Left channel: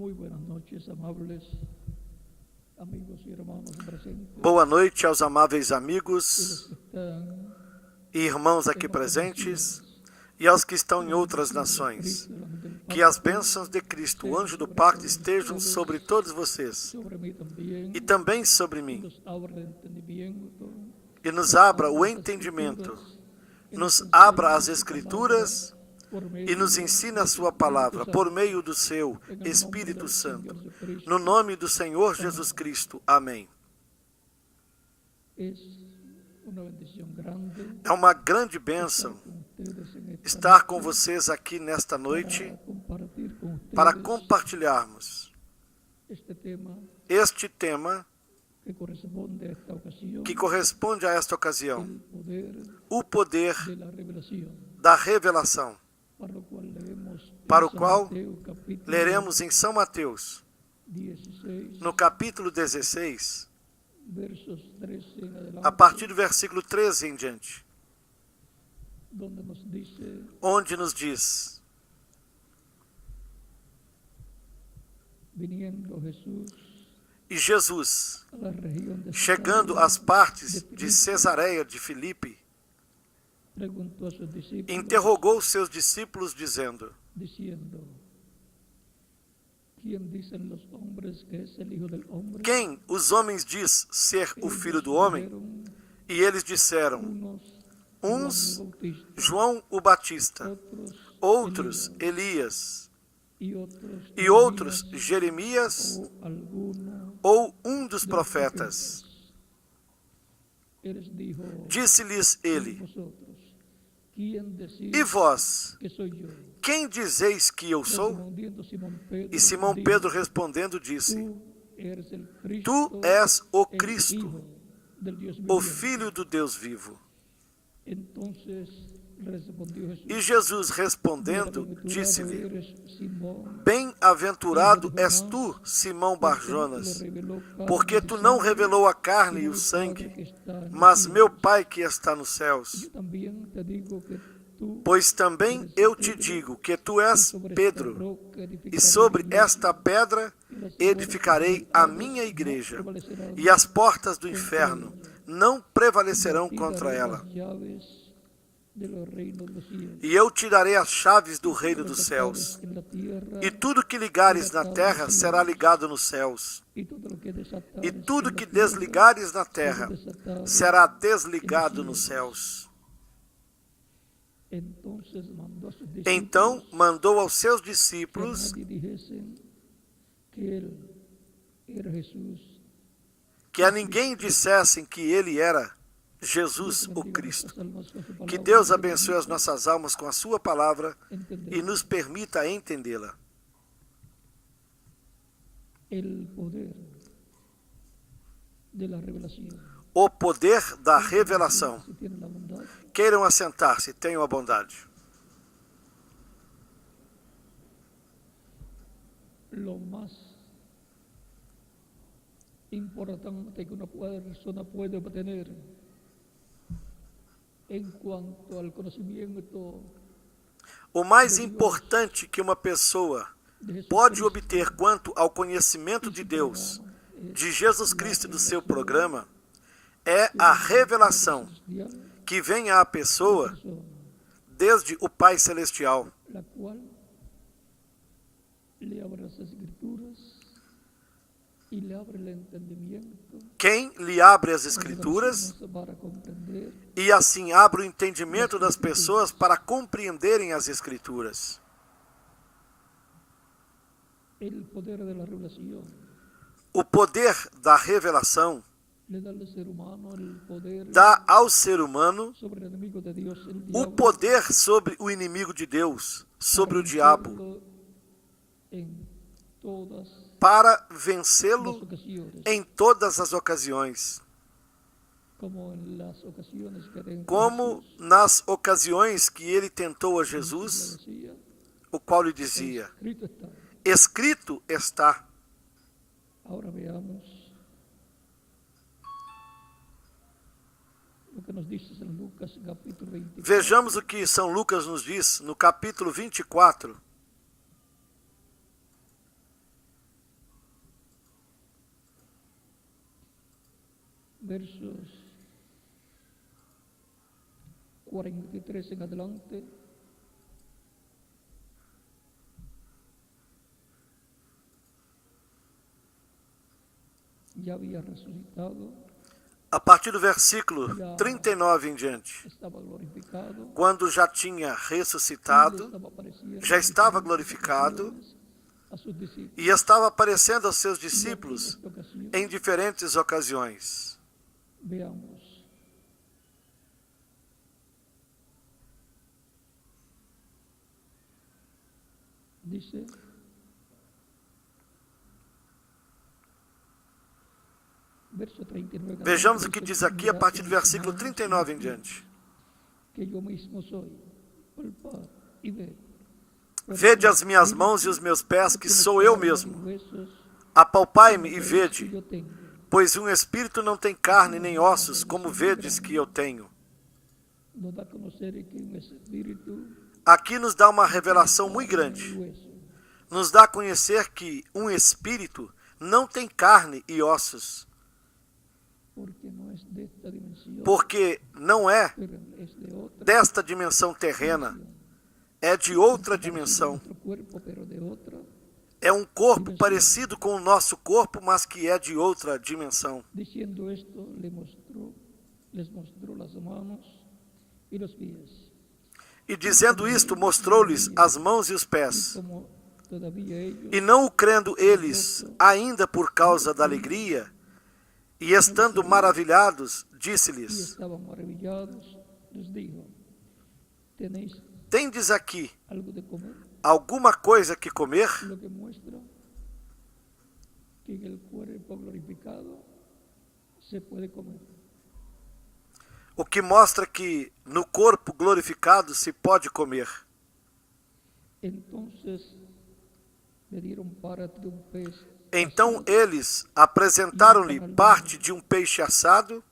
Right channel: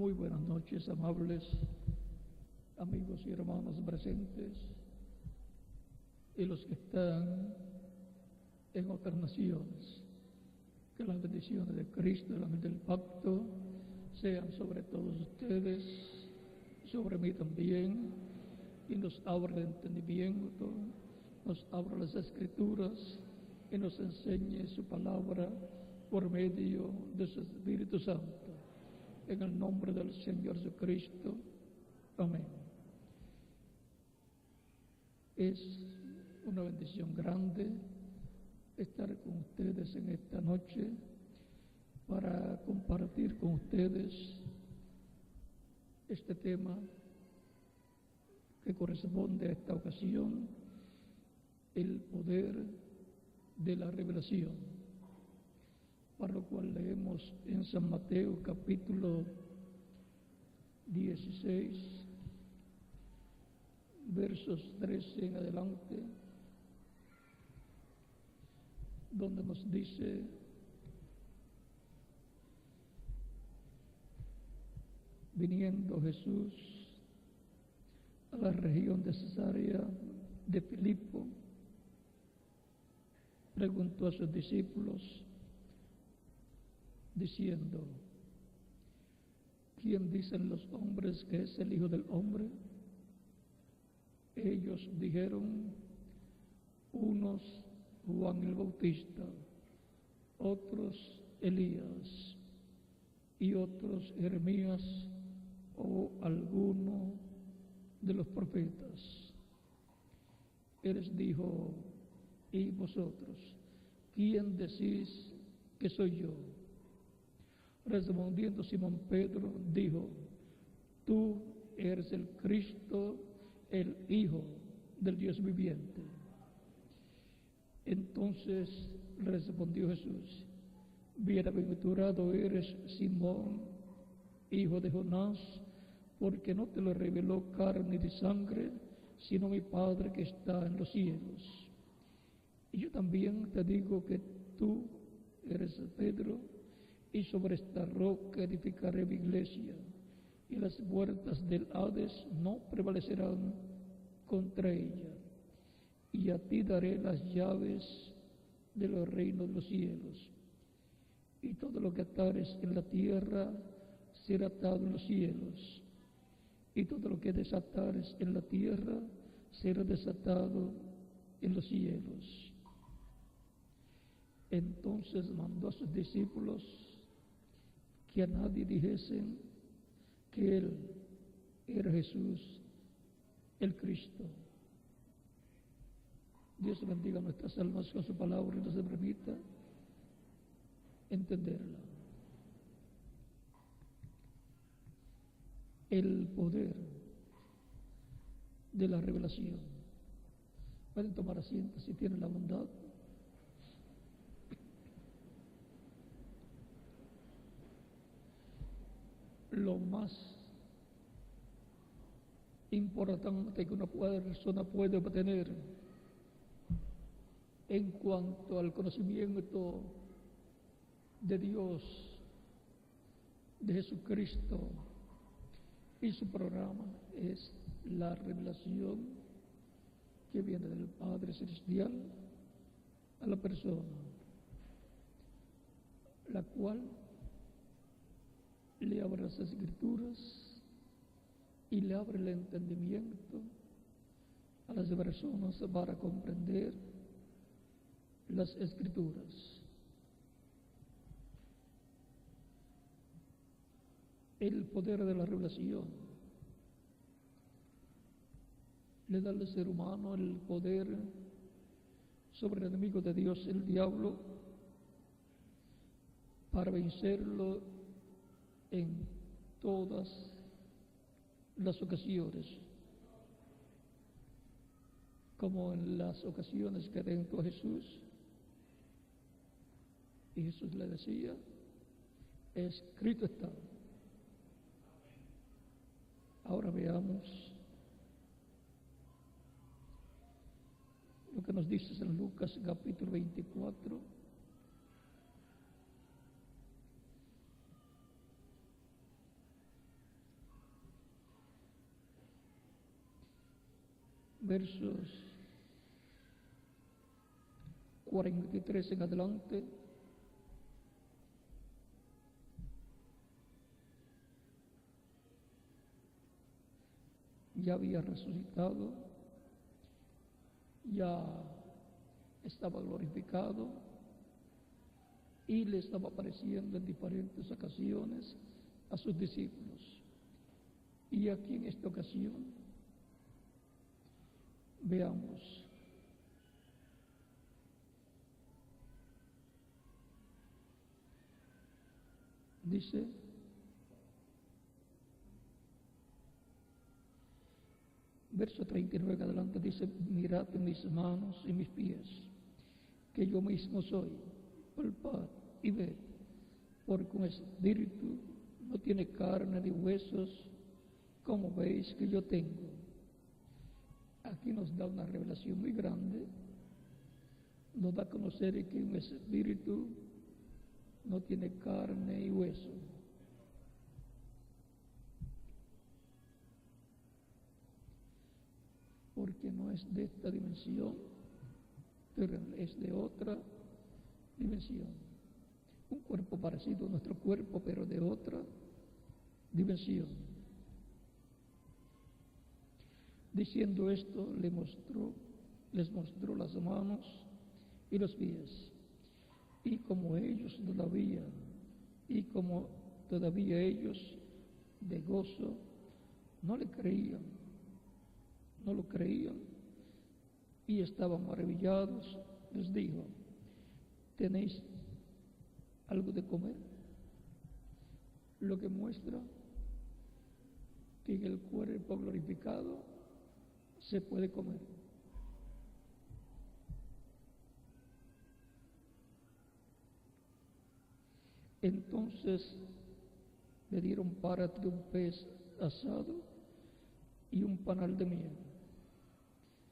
Muy buenas noches, amables amigos y hermanos presentes. Boa noite aos amáveis Y los amigos que están e irmãos aqui en otras presentes naciones. e aos que estão Que em la outras bendición del nações. Cristo, el ángel del Que as pacto, bênçãos de Cristo, o sean anjo do sobre pacto, todos estejam ustedes, sobre todos vocês sobre mí también, e também sobre y mim. nos abra el entendimiento, E nos nos abra o las entendimento, escrituras, y nos enseñe abra as su Escrituras palabra por e medio nos ensine a de su sua Espíritu palavra por Santo. meio do seu En el nombre Espírito del Santo. Señor Jesucristo. No nome do Senhor Jesus Cristo. Amém. Es una bendición grande É uma grande estar bênção con ustedes en esta estar com noche vocês aqui nesta noite para compartir con para ustedes compartilharmos este tema este tema que corresponde a esta ocasión, que corresponde a esta ocasião, el poder o poder de la revelación, da revelação, para lo cual leemos para en o San qual Mateo, capítulo leremos em São Mateus, 16, no capítulo 16, versos 13 en adelante, a partir do versículo 13 em diante, donde nos dice: onde nos diz: viniendo Jesús E Jesus, a la región de chegando Cesarea às partes de de Filipo, Cesareia de Filipe, preguntó a sus discípulos, interrogou seus discípulos, dizendo: diciendo: ¿quién dicen los hombres que es el Hijo del Hombre? Quem os homens diz ser o Ellos Filho do Homem? dijeron, E eles disseram: unos uns, Juan el Bautista, João o Batista, outros Elías, Elias, y e outros Jeremias o alguno ou um dos de los profetas. Él les dijo: Disse-lhes ¿y ele: vosotros quién decís E vós, que soy yo? quem dizeis que eu sou? Respondiendo Simón Pedro, E Simão dijo: Pedro respondendo disse: tú eres el Cristo, Tu és o el Cristo, Hijo del Dios o viviente. Filho do Deus vivo. Entonces respondió Jesús: E Jesus respondendo, bienaventurado disse-lhe: eres, Simón, Bem-aventurado és tu, Simão Barjonas, porque tu não revelou a carne e o sangue, mas meu Pai que está nos céus. Yo también te digo que tú Pois também eu te digo que tu és Pedro, e sobre esta pedra edificarei a minha igreja, e as portas do inferno não prevalecerão contra ela. E eu te darei as chaves do reino dos céus. E tudo que ligares na terra será ligado nos céus. E tudo que desligares na terra será desligado nos céus. Então mandou aos seus discípulos que a ninguém dissessem que ele era Jesus o Cristo. Que Deus abençoe as nossas almas com a sua palavra e nos permita entendê-la. O poder da revelação. Queiram assentar-se, tenham a bondade. Lo más importante que una persona puede obtener en cuanto al conocimiento O mais importante que uma pessoa pode obter quanto ao conhecimento de Deus, de Jesus Cristo e do seu programa, é a revelação que vem à pessoa desde o Pai Celestial, la cual le abre las escrituras y le abre el entendimiento, quem lhe abre as Escrituras para comprender e assim abre o entendimento das pessoas para compreenderem as Escrituras. el poder de la revelación. O poder da revelação Le da al ser humano el poder dá ao ser humano sobre el enemigo de Dios, el o diablo, poder sobre o inimigo de Deus, sobre o diabo, vencerlo en todas para las vencê-lo ocasiones, em todas as ocasiões, como en las ocasiones que tentó como Jesús, nas ocasiões que ele tentou a Jesús Jesus, le decía: o qual lhe dizia: escrito está. Escrito está. Ahora veamos lo que nos dice San Lucas capítulo 24. Vejamos o que São Lucas nos diz no capítulo 24, versos 43 en adelante, ya había resucitado, A partir do versículo 39 em diante, estaba glorificado, quando já tinha y le ressuscitado, estaba apareciendo já en estava diferentes glorificado ocasiones a sus discípulos. e estava aparecendo aos seus Y aquí en discípulos esta ocasión em diferentes ocasiões. veamos dice: verso 39. Vejamos o que diz aqui a partir do versículo 39 em diante. Que eu mesmo sou, palpad e ved. Vede as minhas mãos e os meus pés, que sou eu mesmo. Apalpai-me e vede, pois um espírito não tem carne nem ossos, como vedes que eu tenho. Nos dá a conhecer que um espírito Aqui nos dá uma revelação muito grande. Nos dá a conhecer que um espírito não tem carne e ossos, porque não é desta dimensão terrena, é de outra dimensão. É um corpo parecido com o nosso corpo, mas que é de outra dimensão. Diciendo esto, les mostró las manos y los pies. E dizendo isto, mostrou-lhes as mãos e os pés. Como todavía ellos, E não o crendo eles, ainda por causa da alegria, e estando maravilhados, y disse-lhes: estaban maravillados, les dijo: ¿tenéis Tendes aqui algo de comer? alguma coisa que comer? Lo que muestra que en el cuerpo glorificado se puede comer. O que mostra que no corpo glorificado se pode comer. Entonces le dieron parte de un pez Então asado, eles apresentaram-lhe parte de um peixe assado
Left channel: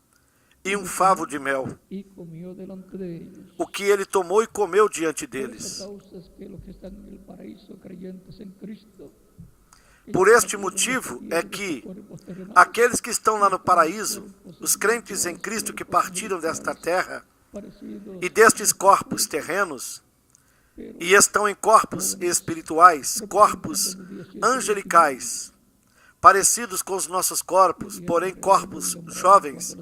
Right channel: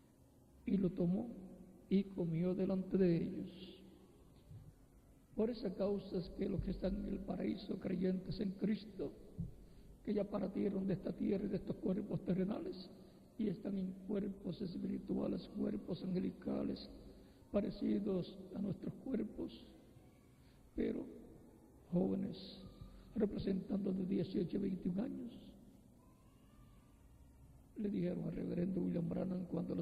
e um favo de mel, y comió delante de ellos. o que ele tomou e comeu diante Por esta deles. causa es que los que están en el paraíso creyentes en Cristo, que Por ya este partieron motivo de é esta tierra, de que estos cuerpos terrenales, aqueles que estão lá no paraíso, os crentes em Cristo que partiram desta terra parecidos e destes corpos terrenos, pero e estão em corpos espirituais, corpos angelicais, parecidos com os nossos corpos, porém corpos jovens,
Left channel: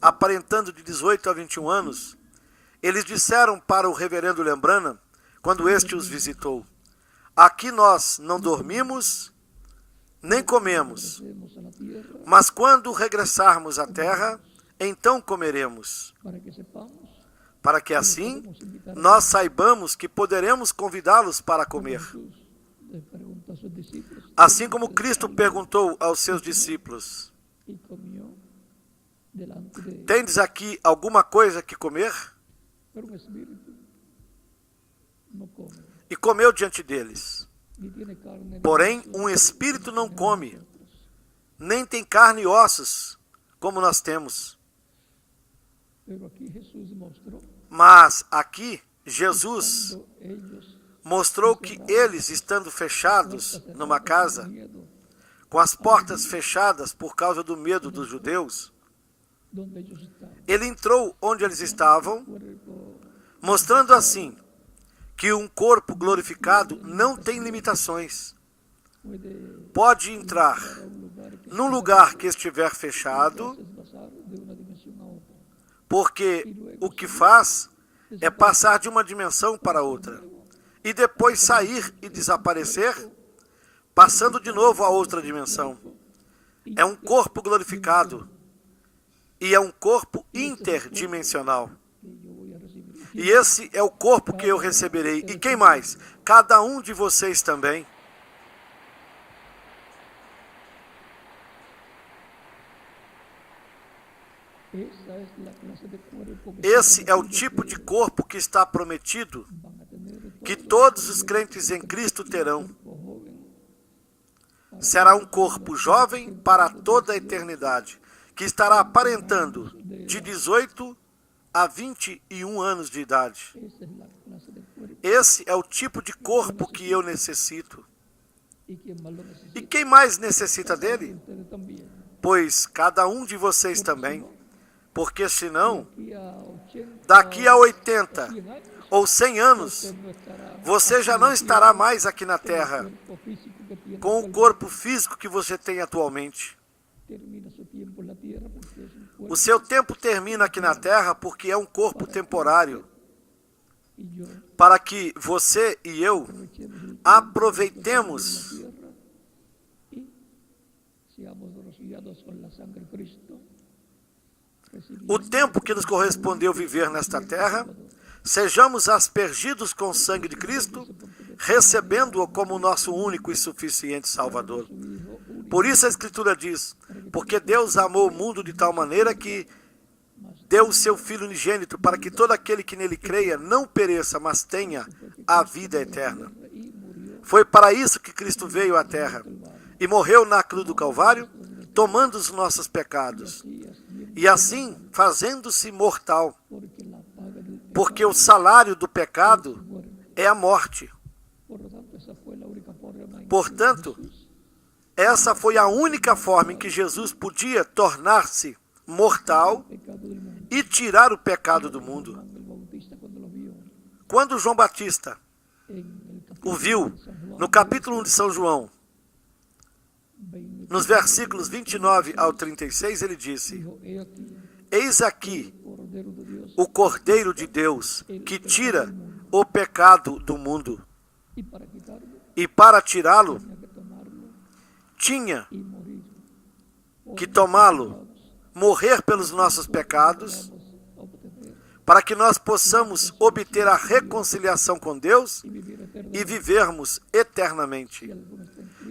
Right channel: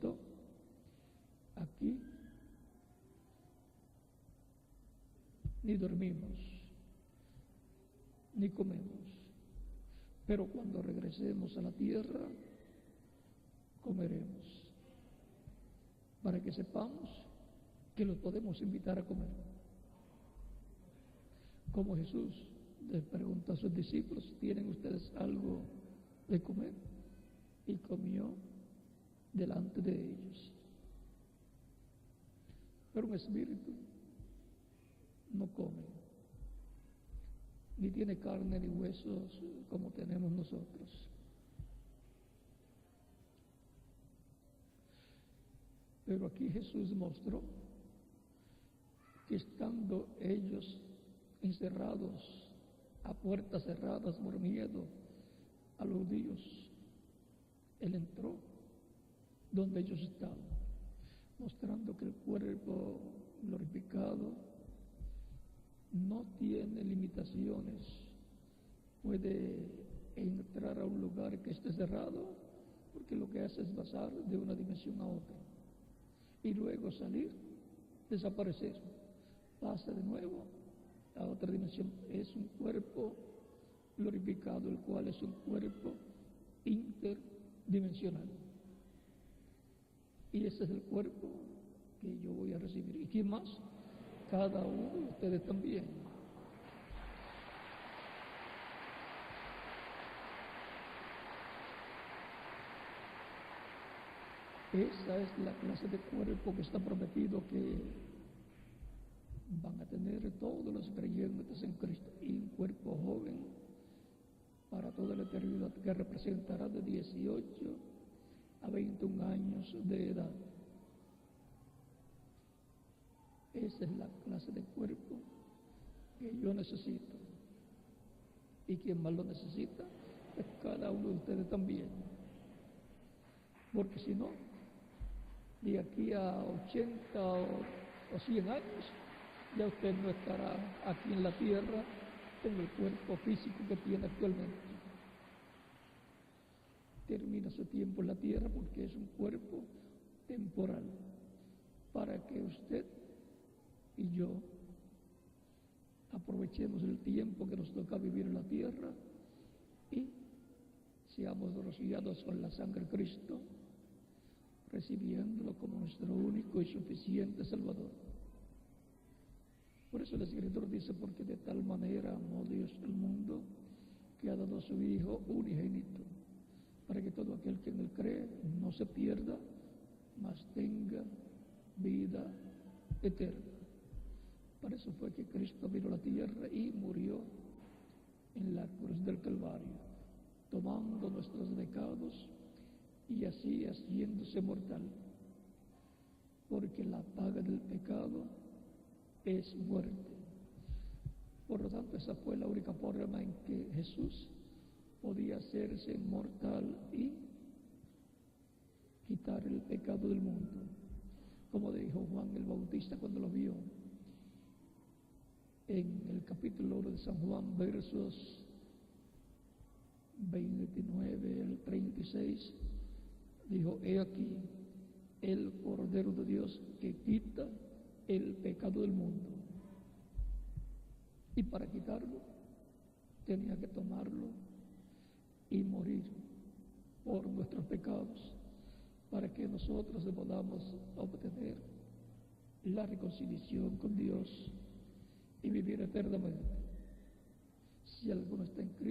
aparentando de 18 a 21 anos, eles disseram para o reverendo William Branham, quando este os visitou: aqui nós não dormimos nem comemos, regresemos a la tierra mas quando regressarmos à terra, então comeremos, para que sepamos para que assim nós saibamos que poderemos convidá-los para comer. Jesús le preguntó a sus discípulos, Assim como Cristo perguntou aos seus discípulos: y comió delante de ellos. Tendes aqui alguma coisa que comer? Pero un espíritu no come, E comeu diante deles. ni tiene carne, ni Porém, hueso, um espírito não como come, nosotros. nem tem carne e ossos, como nós temos. Pero aquí Jesús mostró, Mas aqui, Jesus estando ellos mostrou que eles, estando fechados puertas numa cerradas, casa, con miedo, com as portas fechadas por causa do medo dos judeus, donde ellos estaban, ele entrou onde eles estavam, cuerpo mostrando assim que um corpo glorificado não tem limitações. puede Pode entrar a un lugar que num esté lugar que estiver cerrado, fechado, que haces pasar de una dimensión a otra. porque o que faz é passar de uma dimensão para outra, e depois sair e desaparecer, passando de novo a outra dimensão. É um corpo glorificado e é um corpo interdimensional. Que yo voy a recibir. E esse é o corpo que eu receberei. E quem mais? Cada um de vocês também. Esa es la clase de cuerpo que Esse está é o prometido tipo que de corpo que está prometido, van a tener que todos todos os crentes em Cristo terão. cuerpo joven para Será um toda corpo la jovem eternidad, para de toda a 18 eternidade, que estará aparentando de 18 a 21 anos de idade. Esa es la clase de cuerpo. Esse é o tipo de corpo que eu necessito. Y quien más lo E necesita, quem mais necessita dele? ustedes también. Pois cada um de vocês Porque si também. no, porque senão, aquí a 80 daqui a o 80 100 años, ou 100 anos, usted no estará você aquí já en não la estará tierra mais aqui na con el Terra cuerpo físico que tiene com o actualmente. corpo físico que você tem atualmente. Termina su tiempo en la tierra porque es un cuerpo O seu tempo termina aqui na Terra porque é um corpo para que temporário, usted y yo para que você e eu aprovechemos el tiempo que nos toca vivir en la aproveitemos tierra y seamos rociados con la sangre de Cristo, o tempo que nos correspondeu viver nesta Terra, sejamos aspergidos com o sangue de Cristo, recebendo-o como nosso único e suficiente Salvador. Por isso a Escritura diz, porque Deus amou o mundo de tal maneira que deu o seu Filho unigênito para que todo aquele que nele creia não pereça, mas tenha a vida eterna. Foi para isso que Cristo veio à Terra e morreu na cruz do Calvário, tomando os nossos pecados, e assim fazendo-se mortal, porque o salário do pecado é a morte. Portanto, essa foi a única forma em que Jesus podia tornar-se mortal e tirar o pecado do mundo. Quando João Batista o viu, no capítulo 1 de São João, nos versículos 29 ao 36, ele disse: Eis aqui o Cordeiro de Deus, que tira o pecado do mundo. E para tirá-lo, tinha que tomá-lo, morrer pelos nossos pecados, para que nós possamos obter a reconciliação com Deus e vivermos eternamente.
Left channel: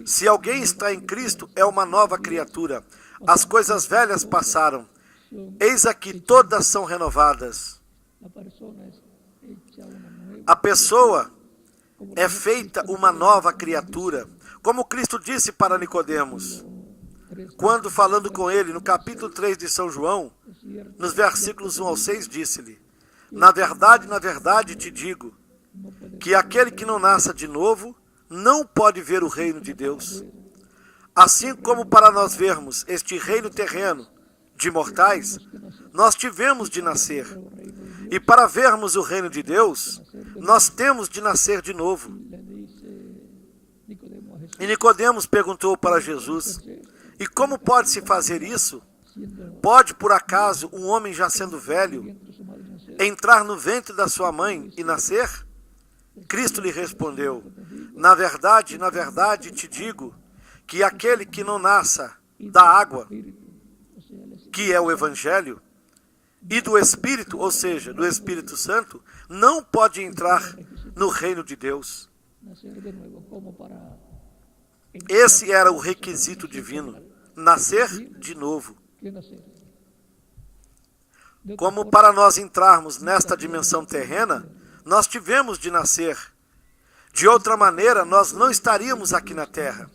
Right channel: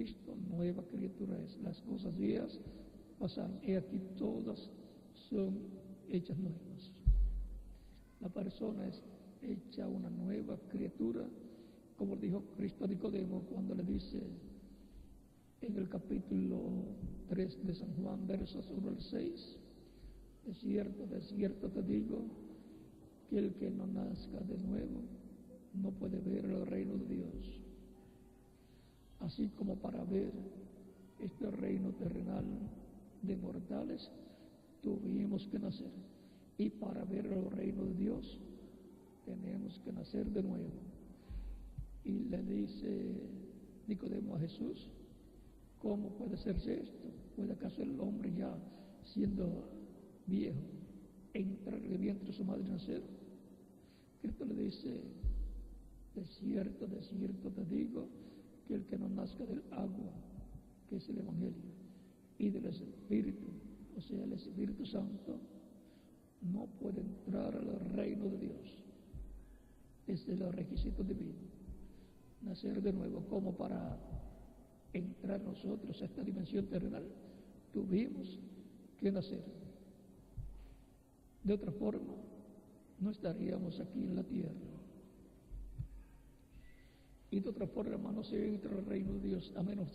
Se alguém está em Cristo, é uma nova criatura. As coisas velhas passaram. Eis aqui, todas são renovadas. A pessoa é feita uma nova criatura. Como Cristo disse para Nicodemos, quando falando com ele, no capítulo 3 de São João, nos versículos 1 ao 6, disse-lhe: na verdade te digo, que aquele que não nasça de novo, não pode ver o reino de Deus. Assim como para nós vermos este reino terreno de mortais, nós tivemos de nascer. E para vermos o reino de Deus, nós temos de nascer de novo. E Nicodemos perguntou para Jesus: e como pode-se fazer isso? Pode, por acaso, um homem já sendo velho, entrar no ventre da sua mãe e nascer? Cristo lhe respondeu: na verdade te digo, que aquele que não nasça da água, que é o Evangelho, e do Espírito, ou seja, do Espírito Santo, não pode entrar no reino de Deus. Esse era o requisito divino, nascer de novo. Como para nós entrarmos nesta dimensão terrena, nós tivemos de nascer. De outra maneira, nós não estaríamos aqui na Terra.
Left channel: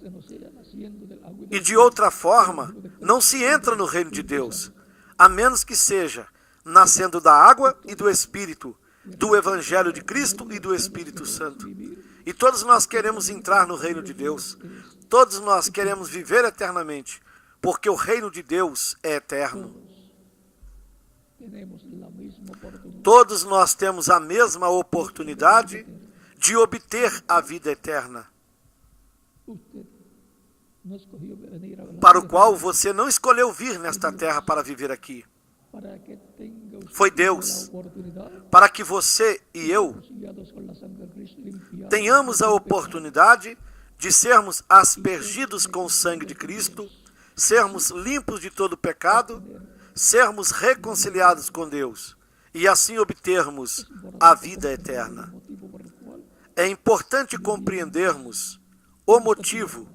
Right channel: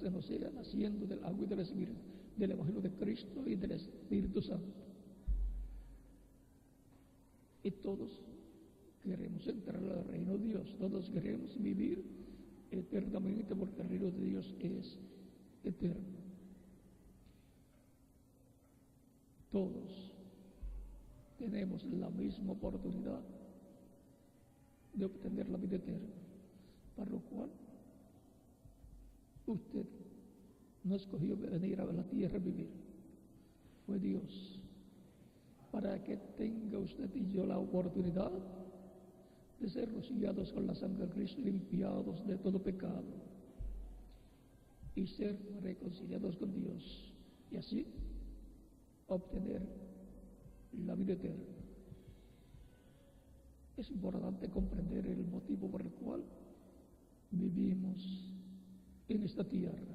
E de outra forma, não se entra no reino de Deus, a menos que seja nascendo da água e do Espírito, do Evangelho de Cristo e do Espírito Santo. E todos nós queremos entrar no reino de Deus. Todos nós queremos viver eternamente, porque o reino de Deus é eterno. Todos nós temos a mesma oportunidade de obter a vida eterna, para o qual você não escolheu vir nesta terra para viver aqui. Foi Deus, para que você e eu tenhamos a oportunidade de sermos aspergidos com o sangue de Cristo, sermos limpos de todo pecado, sermos reconciliados com Deus e assim obtermos a vida eterna. É importante compreendermos o motivo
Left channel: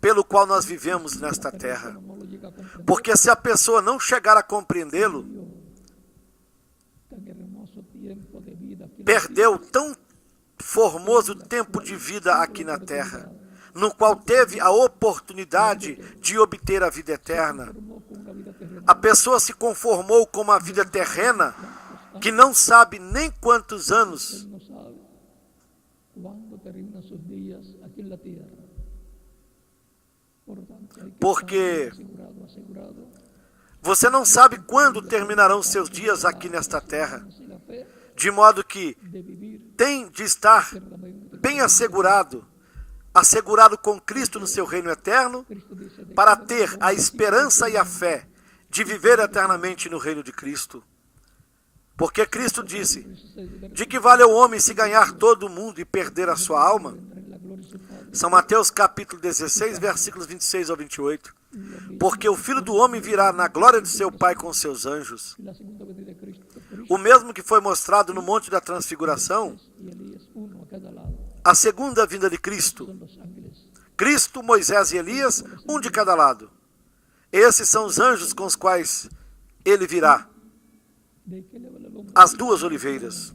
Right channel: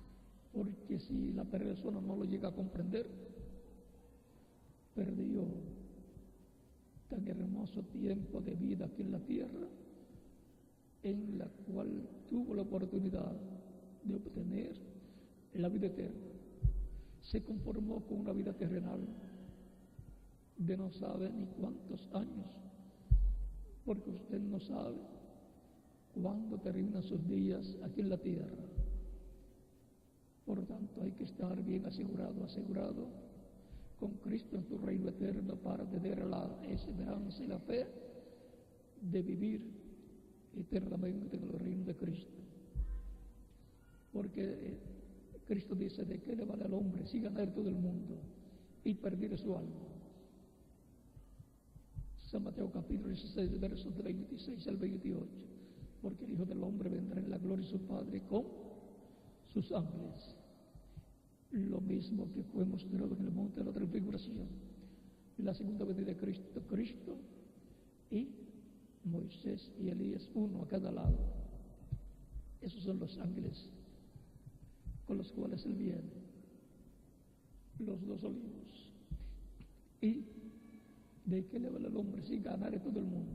pelo qual nós vivemos nesta terra, porque se a pessoa não chegar a compreendê-lo, perdeu tão formoso tempo de vida aqui na terra, no qual teve a oportunidade de obter a vida eterna. A pessoa se conformou com uma vida terrena que não sabe nem quantos anos porque Você não sabe quando terminarão seus dias aqui nesta terra, de modo que tem de estar bem assegurado com Cristo no seu reino eterno, para ter a esperança e a fé de viver eternamente no reino de Cristo. Porque Cristo disse: de que vale o homem se ganhar todo o mundo e perder a sua alma? São Mateus capítulo 16, versículos 26 ao 28. Porque o Filho do Homem virá na glória de seu Pai com seus anjos. O mesmo que foi mostrado no Monte da Transfiguração, a segunda vinda de Cristo. Cristo, Moisés e Elias, um de cada lado. Esses são os anjos com os quais ele virá. As duas oliveiras.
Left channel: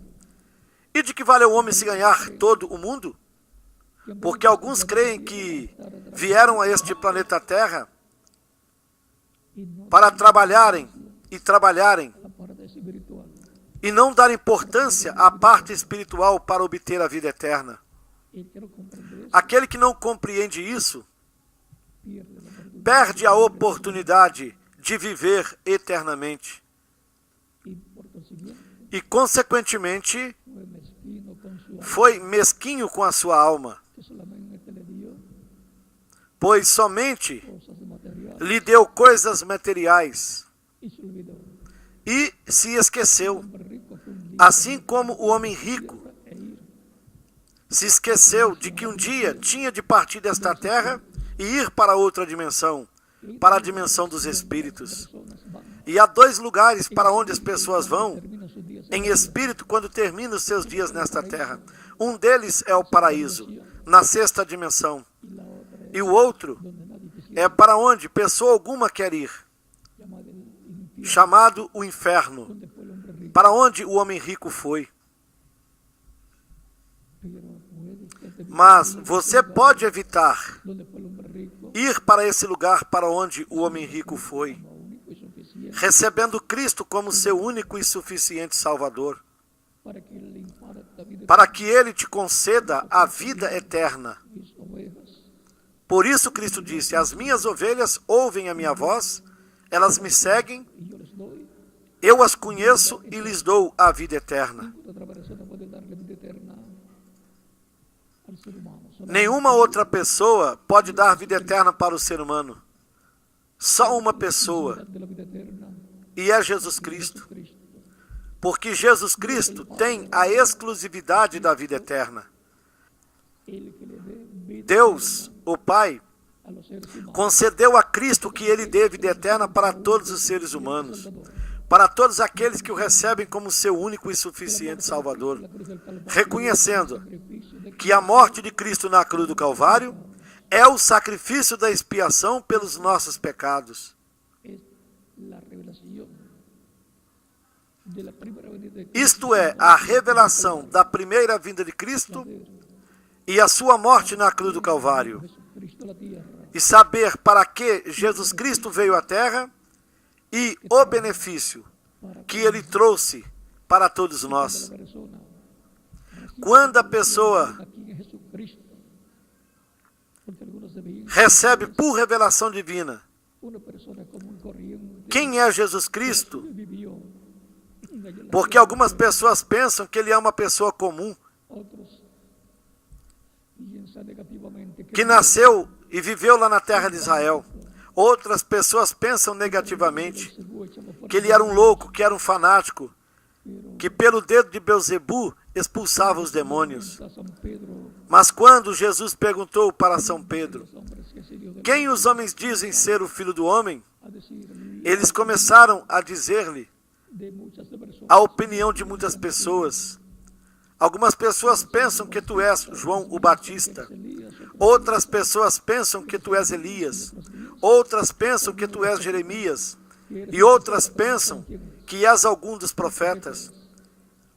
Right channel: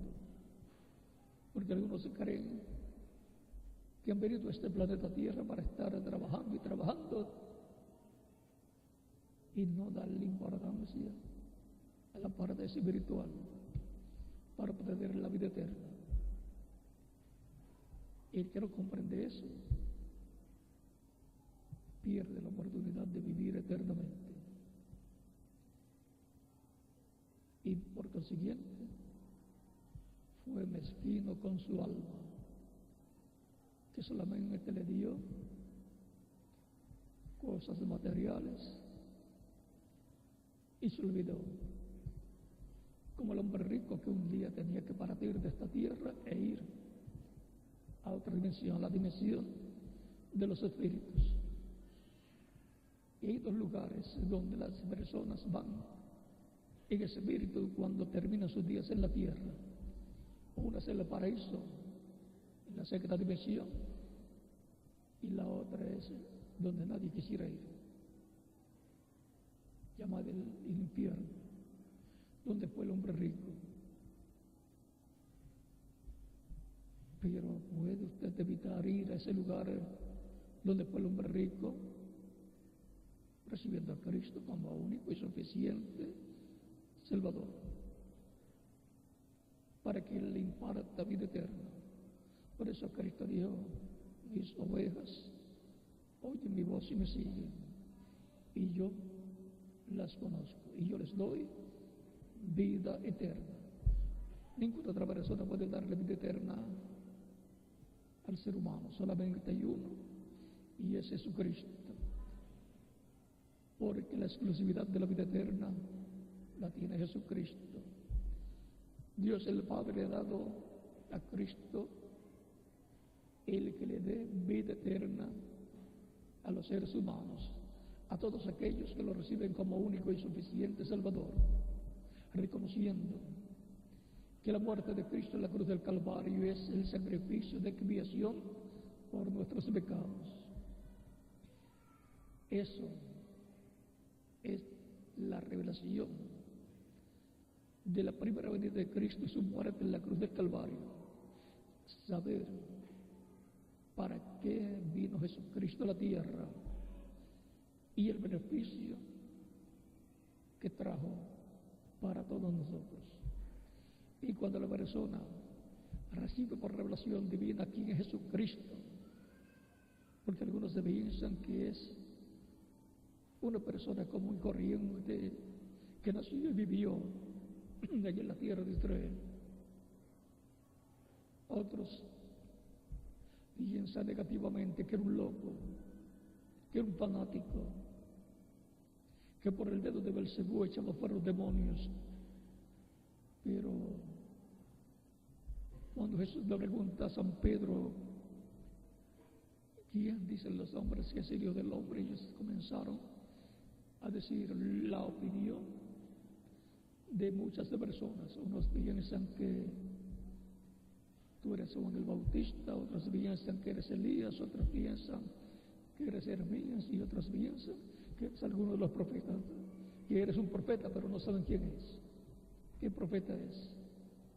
E de que vale o homem se ganhar todo o mundo? Porque alguns creem que vieram a este planeta Terra para trabalharem e não dar importância à parte espiritual para obter a vida eterna. Aquele que não compreende isso perde a oportunidade de viver eternamente. E, consequentemente, foi mesquinho com a sua alma, pois somente lhe deu coisas materiais e se esqueceu, assim como o homem rico se esqueceu de que um dia tinha de partir desta terra e ir para outra dimensão, para a dimensão dos espíritos. E há dois lugares para onde as pessoas vão em espírito quando terminam os seus dias nesta terra. Um deles é o paraíso, na sexta dimensão. E o outro é para onde pessoa alguma quer ir, chamado o inferno, para onde o homem rico foi. Mas você pode evitar ir para esse lugar para onde o homem rico foi, recebendo Cristo como seu único e suficiente Salvador, para que Ele te conceda a vida eterna. Por isso Cristo disse: as minhas ovelhas ouvem a minha voz, elas me seguem, eu as conheço e lhes dou a vida eterna. Nenhuma outra pessoa pode dar vida eterna para o ser humano. Só uma pessoa, e é Jesus Cristo. Porque Jesus Cristo tem a exclusividade da vida eterna. Deus, o Pai, concedeu a Cristo que Ele dê vida eterna para todos os seres humanos, para todos aqueles que o recebem como seu único e suficiente Salvador, reconhecendo que a morte de Cristo na cruz do Calvário é o sacrifício da expiação pelos nossos pecados. Isto é a revelação da primeira vinda de Cristo e a sua morte na cruz do Calvário. E saber para que Jesus Cristo veio à Terra e o benefício que Ele trouxe para todos nós. Quando a pessoa recebe por revelação divina quem é Jesus Cristo, porque algumas pessoas pensam que Ele é uma pessoa comum, que nasceu e viveu lá na terra de Israel. Outras pessoas pensam negativamente que ele era um louco, que era um fanático, que pelo dedo de Belzebu expulsava os demônios. Mas quando Jesus perguntou para São Pedro: quem os homens dizem ser o Filho do Homem? Eles começaram a dizer-lhe a opinião de muitas pessoas. Algumas pessoas pensam que tu és João o Batista. Outras pessoas pensam que tu és Elias. Outras pensam que tu és Jeremias. E outras pensam que és algum dos profetas.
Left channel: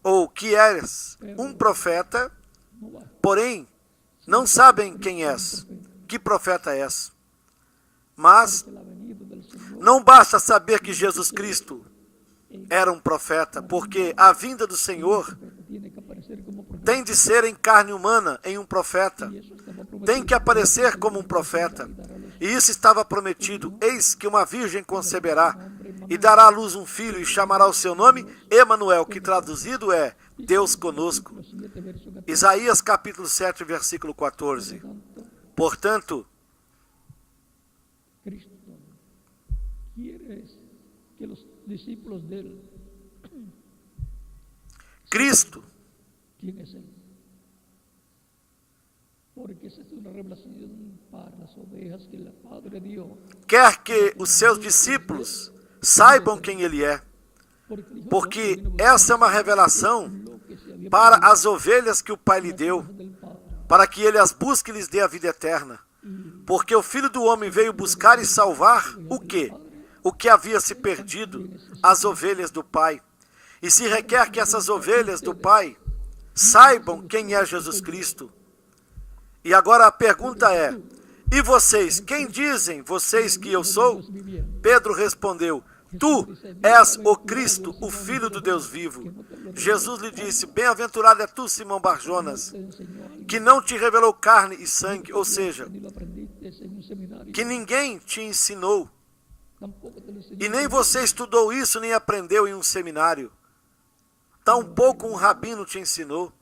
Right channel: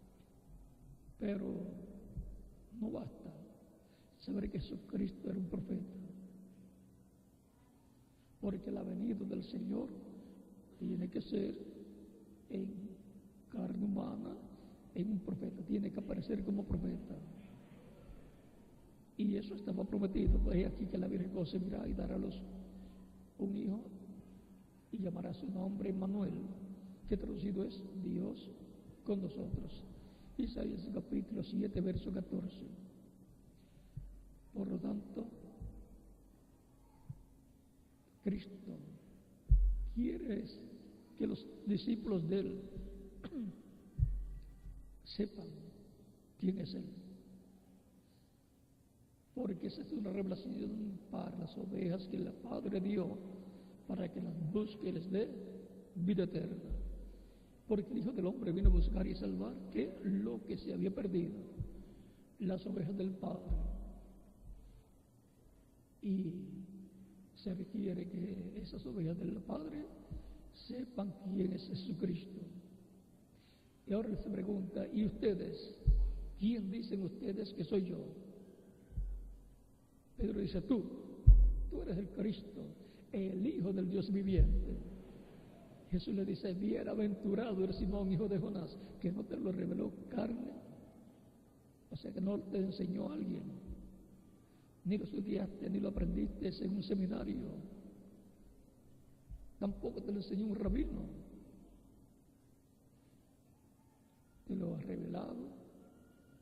Ou que és um profeta, porém não sabem quem és, que profeta és. Mas não basta saber que Jesus Cristo era um profeta, porque a vinda do Senhor tem de ser em carne humana, em um profeta. Tem que aparecer como um profeta. E isso estava prometido. Eis que uma virgem conceberá e dará à luz um filho e chamará o seu nome Emanuel, que traduzido é Deus conosco. Isaías capítulo 7, versículo 14. Portanto, Cristo quiere que los discípulos de él, Cristo, ¿quién es él? Porque esa es una revelación para las ovejas que el Padre dio. quer que os seus discípulos saibam quem Ele é, porque essa é uma revelação para as ovelhas que o Pai lhe deu, para que Ele as busque e lhes dê a vida eterna. Porque o Filho do Homem veio buscar e salvar o quê? O que havia se perdido, as ovelhas do Pai. E se requer que essas ovelhas do Pai saibam quem é Jesus Cristo. E agora a pergunta é: e vocês, quem dizem vocês que eu sou? Pedro respondeu: tu és o Cristo, o Filho do Deus vivo. Jesus lhe disse: bem-aventurado é tu, Simão Barjonas, que não te revelou carne e sangue, ou seja, que ninguém te ensinou, e nem você estudou isso, nem aprendeu em um seminário. Tampouco um rabino te ensinou,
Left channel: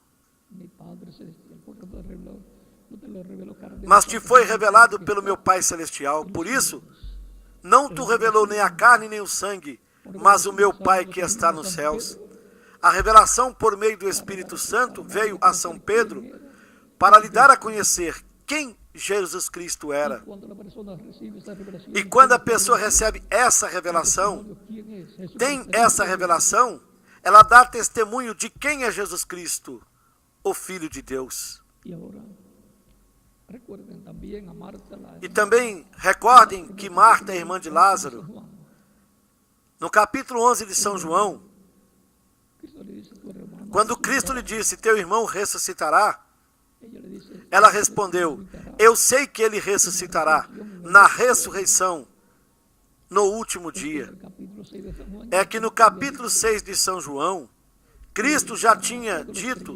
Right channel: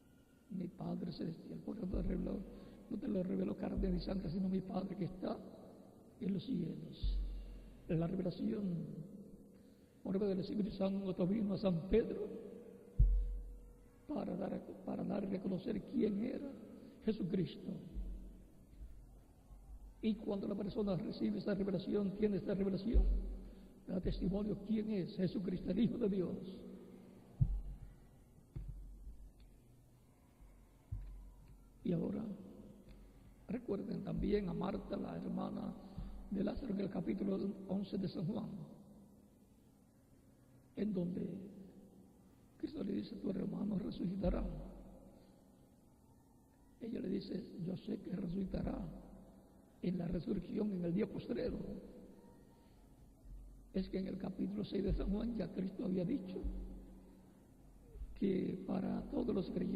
mas te foi revelado pelo meu Pai Celestial. Por isso, não tu revelou nem a carne nem o sangue, mas o meu Pai que está nos céus. A revelação por meio do Espírito Santo veio a São Pedro para lhe dar a conhecer quem Jesus Cristo era. E quando a pessoa recebe essa revelação, tem essa revelação, ela dá testemunho de quem é Jesus Cristo, o Filho de Deus. E também recordem que Marta é irmã de Lázaro. No capítulo 11 de São João, quando Cristo lhe disse: teu irmão ressuscitará, ela respondeu: eu sei que ele ressuscitará na ressurreição, no último dia. É que no capítulo 6 de São João, Cristo já tinha dito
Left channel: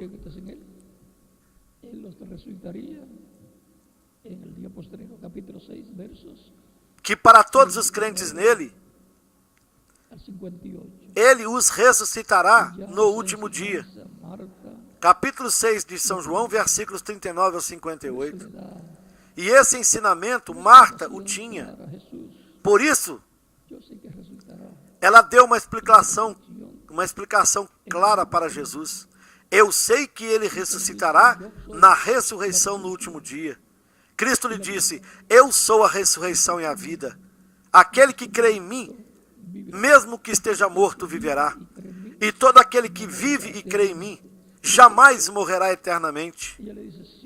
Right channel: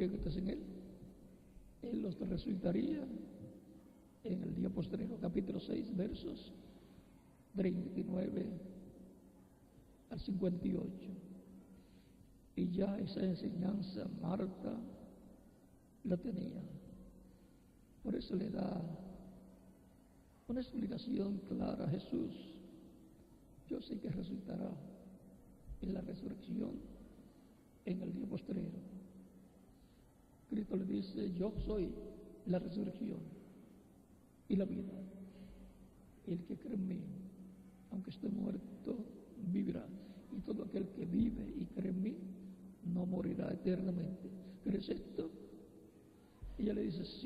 que para todos os crentes nele, ele os ressuscitará no último dia. Capítulo 6 de São João, versículos 39 ao 58. E esse ensinamento Marta o tinha. Por isso, ela deu uma explicação clara para Jesus. Eu sei que ele ressuscitará na ressurreição no último dia. Cristo lhe disse: eu sou a ressurreição e a vida. Aquele que crê em mim, mesmo que esteja morto, viverá. E todo aquele que vive e crê em mim, jamais morrerá eternamente.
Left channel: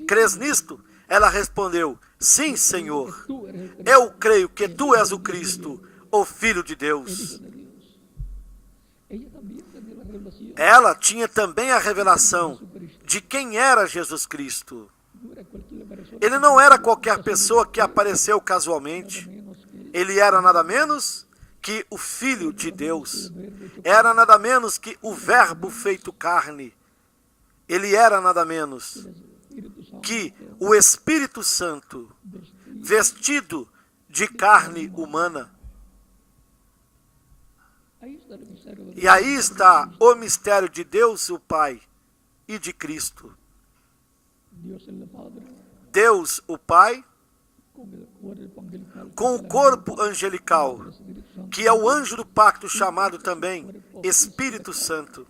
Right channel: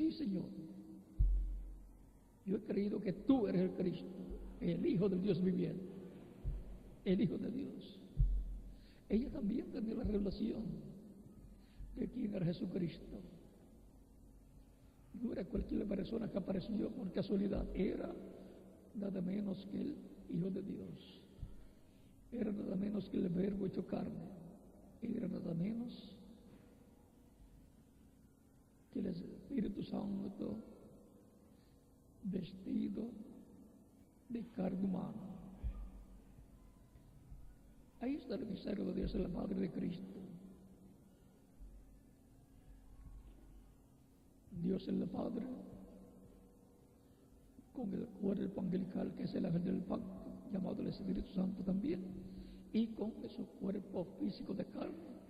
Crês nisto? Ela respondeu: sim, Senhor. Eu creio que tu és o Cristo, o Filho de Deus. Ela tinha também a revelação de quem era Jesus Cristo. Ele não era qualquer pessoa que apareceu casualmente. Ele era nada menos que o Filho de Deus. Era nada menos que o Verbo feito carne. Ele era nada menos que o Espírito Santo vestido de carne humana. E aí está o mistério de Deus, o Pai, e de Cristo. Deus, o Pai, com o corpo angelical, que é o anjo do pacto chamado também Espírito Santo,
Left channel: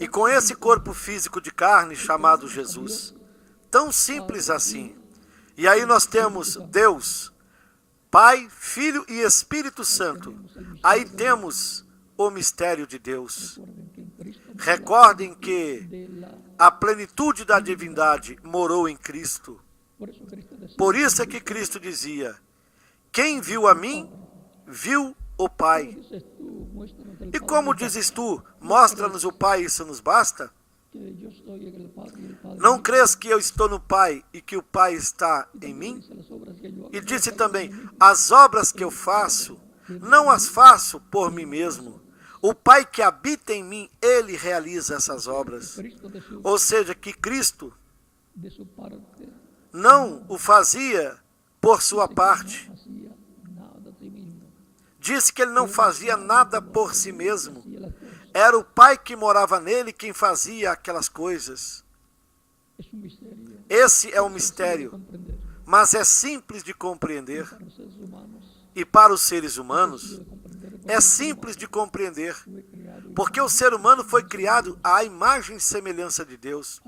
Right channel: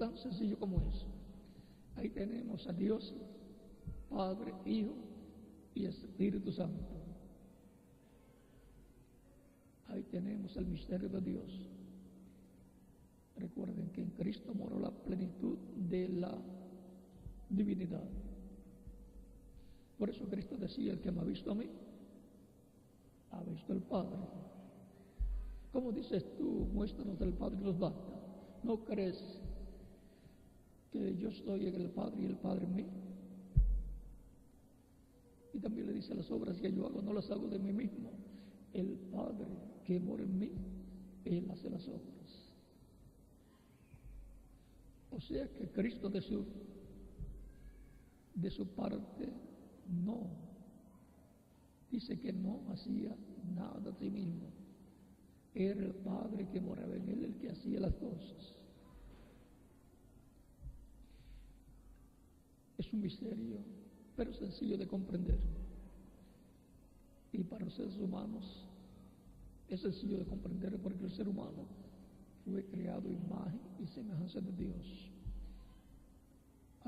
e com esse corpo físico de carne chamado Jesus. Tão simples assim. E aí nós temos Deus, Pai, Filho e Espírito Santo. Aí temos o mistério de Deus. Recordem que a plenitude da divindade morou em Cristo. Por isso é que Cristo dizia: quem viu a mim, viu o Pai. E como dizes tu, mostra-nos o Pai, isso nos basta? Não crês que eu estou no Pai e que o Pai está em mim? E disse também: as obras que eu faço, não as faço por mim mesmo. O Pai que habita em mim, Ele realiza essas obras. Ou seja, que Cristo não o fazia por sua parte. Disse que ele não fazia nada por si mesmo. Era o Pai que morava nele quem fazia aquelas coisas. Esse é um mistério, mas é simples de compreender. E para os seres humanos, é simples de compreender, porque o ser humano foi criado à imagem e semelhança de Deus.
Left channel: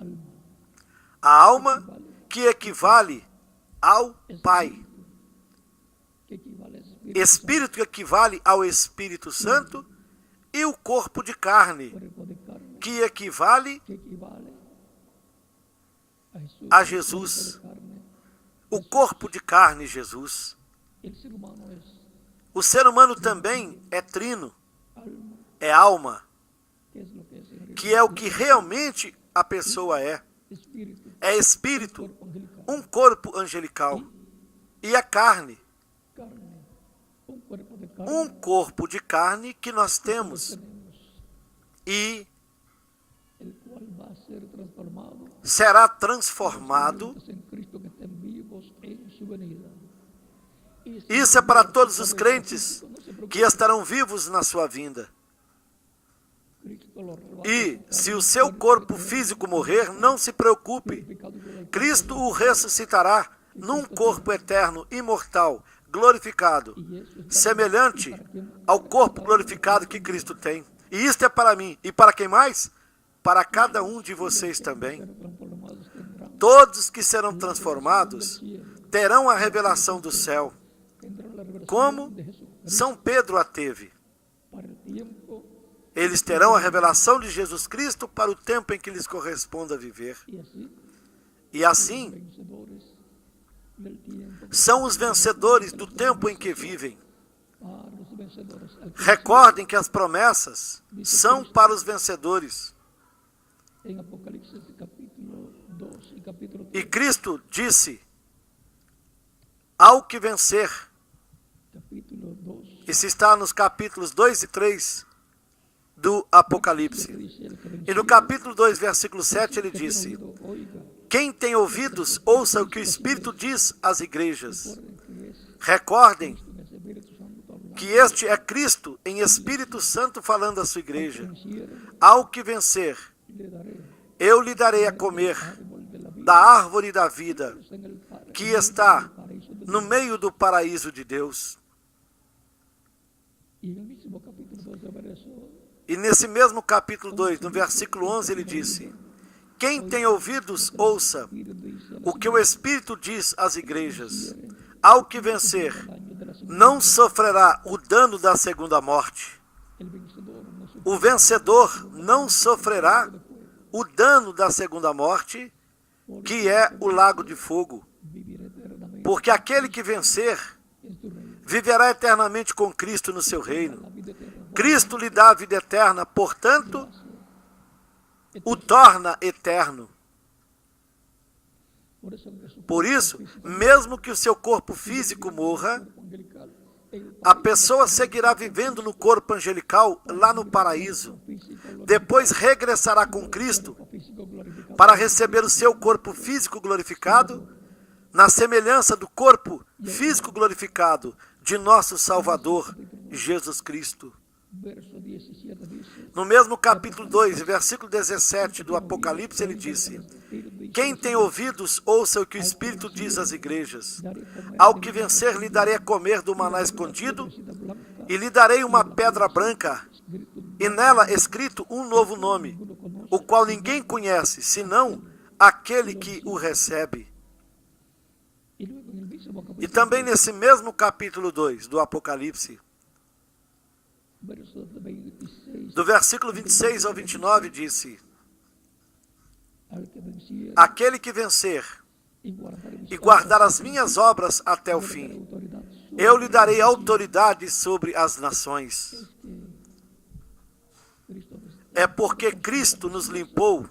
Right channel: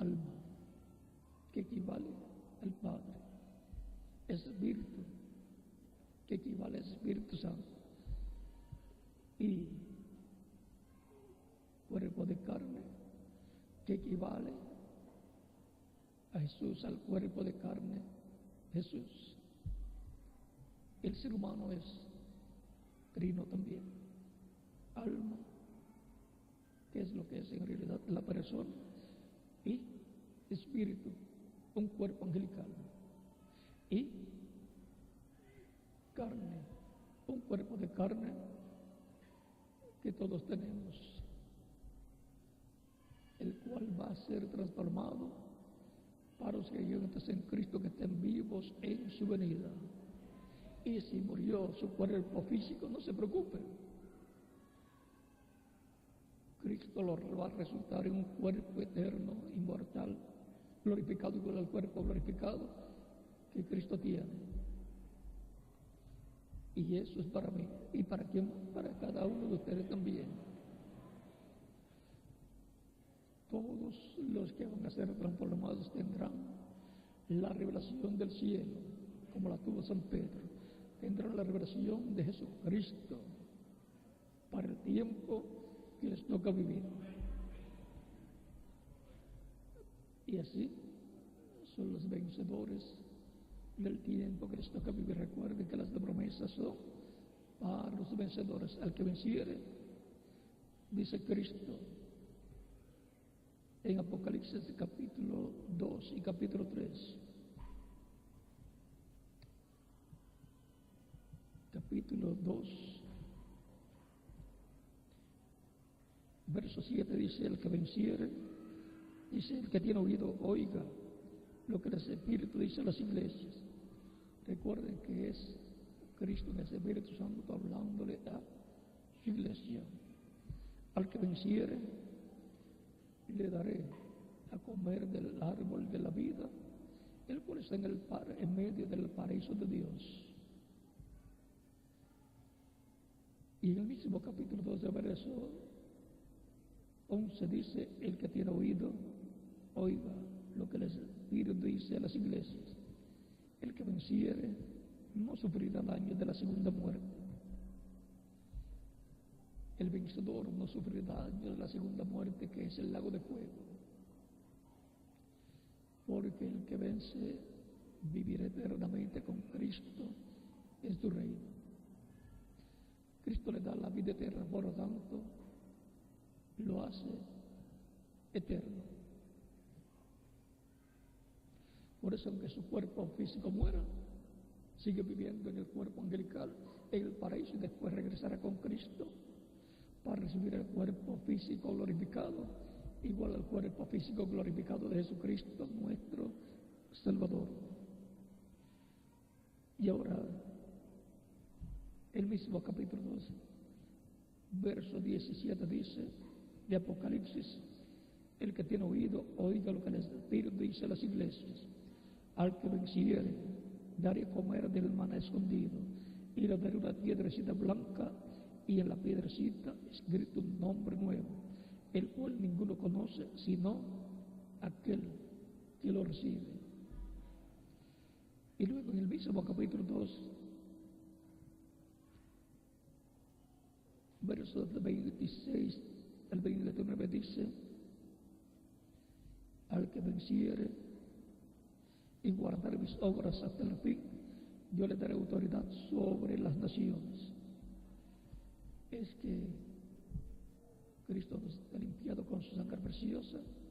A alma que equivale ao Pai. Espírito que equivale ao Espírito Santo e o corpo de carne, que equivale a Jesus. O corpo de carne, Jesus. O ser humano também é trino, é alma, que é o que realmente a pessoa é. É espírito, um corpo angelical, e a carne, um corpo de carne que nós temos e será transformado. Isso é para todos os crentes que estarão vivos na sua vinda. E se o seu corpo físico morrer, não se preocupe. Cristo o ressuscitará num corpo eterno, imortal, glorificado, semelhante ao corpo glorificado que Cristo tem. E isto é para mim. E para quem mais? Para cada um de vocês também. Todos que serão transformados terão a revelação do céu, como São Pedro a teve. Eles terão a revelação de Jesus Cristo para o tempo em que lhes corresponde a viver. E assim, são os vencedores do tempo em que vivem. Recordem que as promessas são para os vencedores. E Cristo disse: ao que vencer. Isso está nos capítulos 2 e 3 do Apocalipse. E no capítulo 2, versículo 7, ele disse: quem tem ouvidos, ouça o que o Espírito diz às igrejas. Recordem que este é Cristo em Espírito Santo falando à sua igreja. Ao que vencer, eu lhe darei a comer da árvore da vida, que está no meio do paraíso de Deus. E nesse mesmo capítulo 2, no versículo 11, ele disse: quem tem ouvidos, ouça o que o Espírito diz às igrejas. Ao que vencer, não sofrerá o dano da segunda morte. O vencedor não sofrerá o dano da segunda morte, que é o lago de fogo. Porque aquele que vencer viverá eternamente com Cristo no seu reino. Cristo lhe dá a vida eterna, portanto, o torna eterno. Por isso, mesmo que o seu corpo físico morra, a pessoa seguirá vivendo no corpo angelical lá no paraíso. Depois regressará com Cristo para receber o seu corpo físico glorificado, na semelhança do corpo físico glorificado de nosso Salvador, Jesus Cristo. No mesmo capítulo 2, versículo 17 do Apocalipse, ele disse: quem tem ouvidos, ouça o que o Espírito diz às igrejas. Ao que vencer, lhe darei a comer do maná escondido, e lhe darei uma pedra branca, e nela escrito um novo nome, o qual ninguém conhece, senão aquele que o recebe. E também nesse mesmo capítulo 2 do Apocalipse, do versículo 26 ao 29, disse: aquele que vencer e guardar as minhas obras até o fim, eu lhe darei autoridade sobre as nações. É porque Cristo nos limpou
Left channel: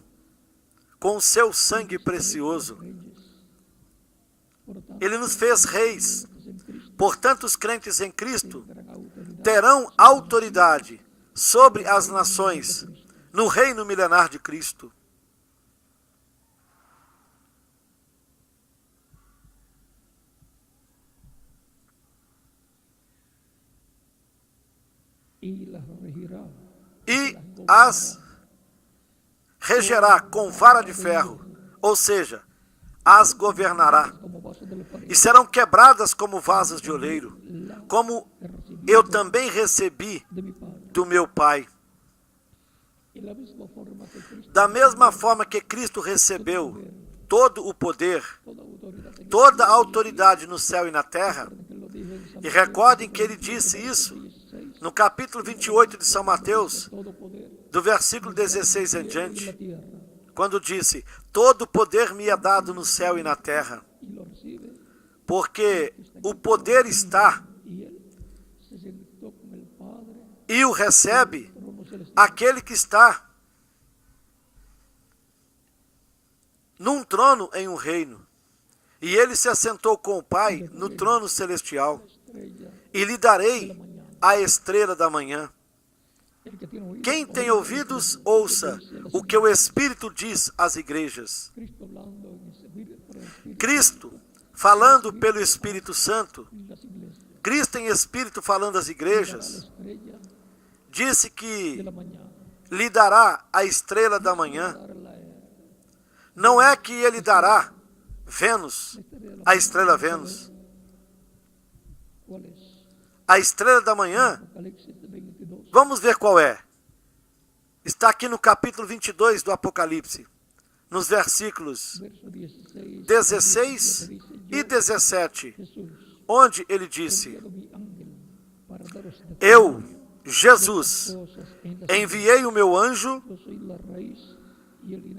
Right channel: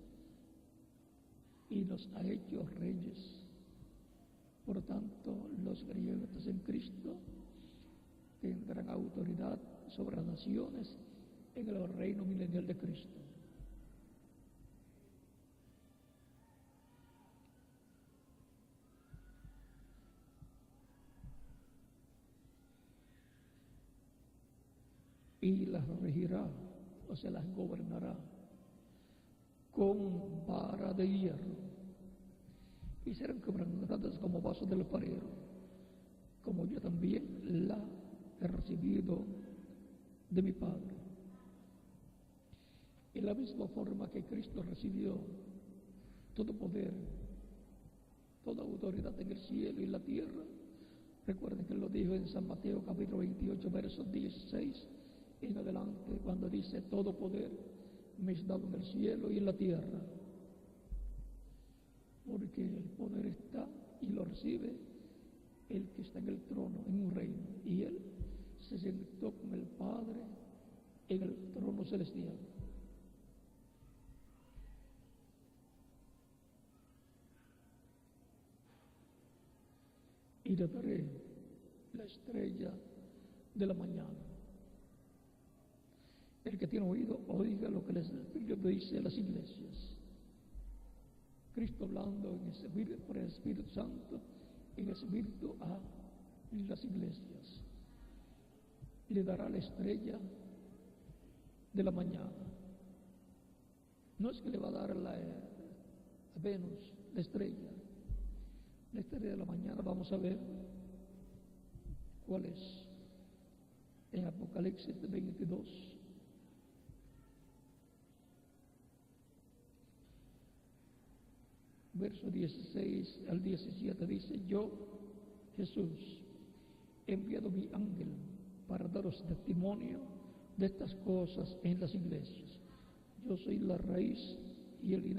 com o seu sangue precioso. Ele nos fez reis. Portanto, os crentes em Cristo terão autoridade sobre as nações no reino milenar de Cristo. e as regerá com vara de ferro, ou seja, as governará, e serão quebradas como vasos de oleiro, como eu também recebi do meu Pai. Da mesma forma que Cristo recebeu todo o poder, toda a autoridade no céu e na terra, e recordem que ele disse isso no capítulo 28 de São Mateus, do versículo 16 em diante, quando disse: todo o poder me é dado no céu e na terra, porque o poder está e o recebe aquele que está num trono em um reino. E ele se assentou com o Pai no trono celestial. E lhe darei a estrela da manhã. Quem tem ouvidos, ouça o que o Espírito diz às igrejas. Cristo, falando pelo Espírito Santo, Cristo em Espírito falando às igrejas, disse que lhe dará a estrela da manhã. Não é que ele dará Vênus, a estrela Vênus. A estrela da manhã, vamos ver qual é. Está aqui no capítulo 22 do Apocalipse, nos versículos 16 e 17, onde ele disse: eu, Jesus, enviei o meu anjo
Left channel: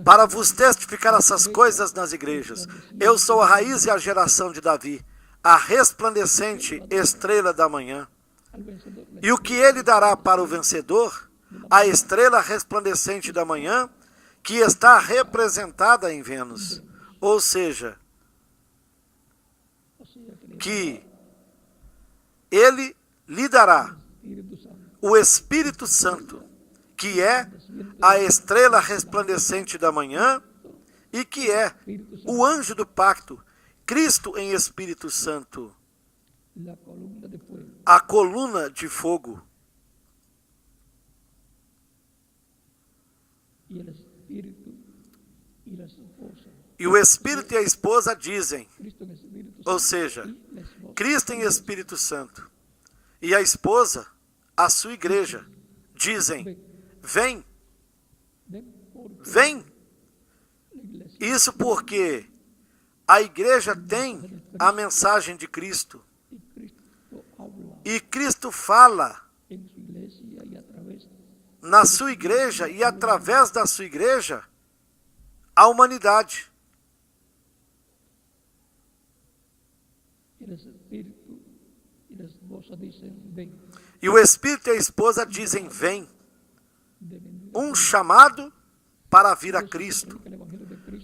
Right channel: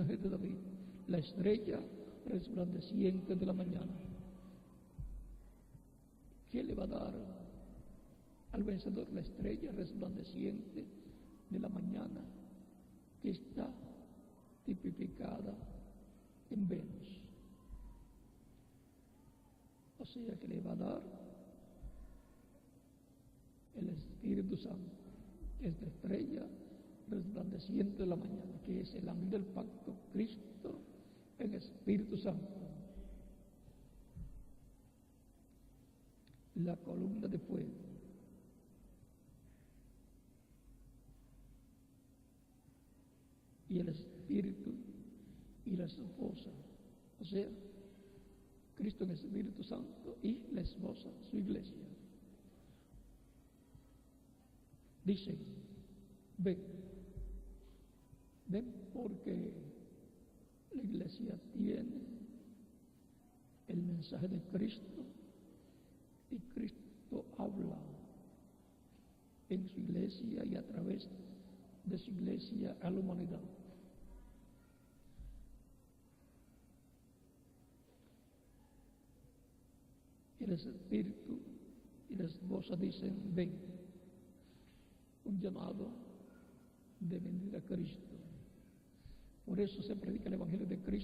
para vos testificar essas coisas nas igrejas. Eu sou a raiz e a geração de Davi, a resplandecente estrela da manhã. E o que ele dará para o vencedor? A estrela resplandecente da manhã, que está representada em Vênus. Ou seja, que ele lhe dará o Espírito Santo, que é a estrela resplandecente da manhã e que é o anjo do pacto, Cristo em Espírito Santo, a coluna de fogo. E o Espírito e a esposa dizem, ou seja, Cristo em Espírito Santo e a esposa, a sua igreja, dizem: vem, vem. Isso porque a igreja tem a mensagem de Cristo. E Cristo fala na sua igreja e através da sua igreja a humanidade. E o Espírito e a esposa dizem: vem. Um chamado para vir a Cristo.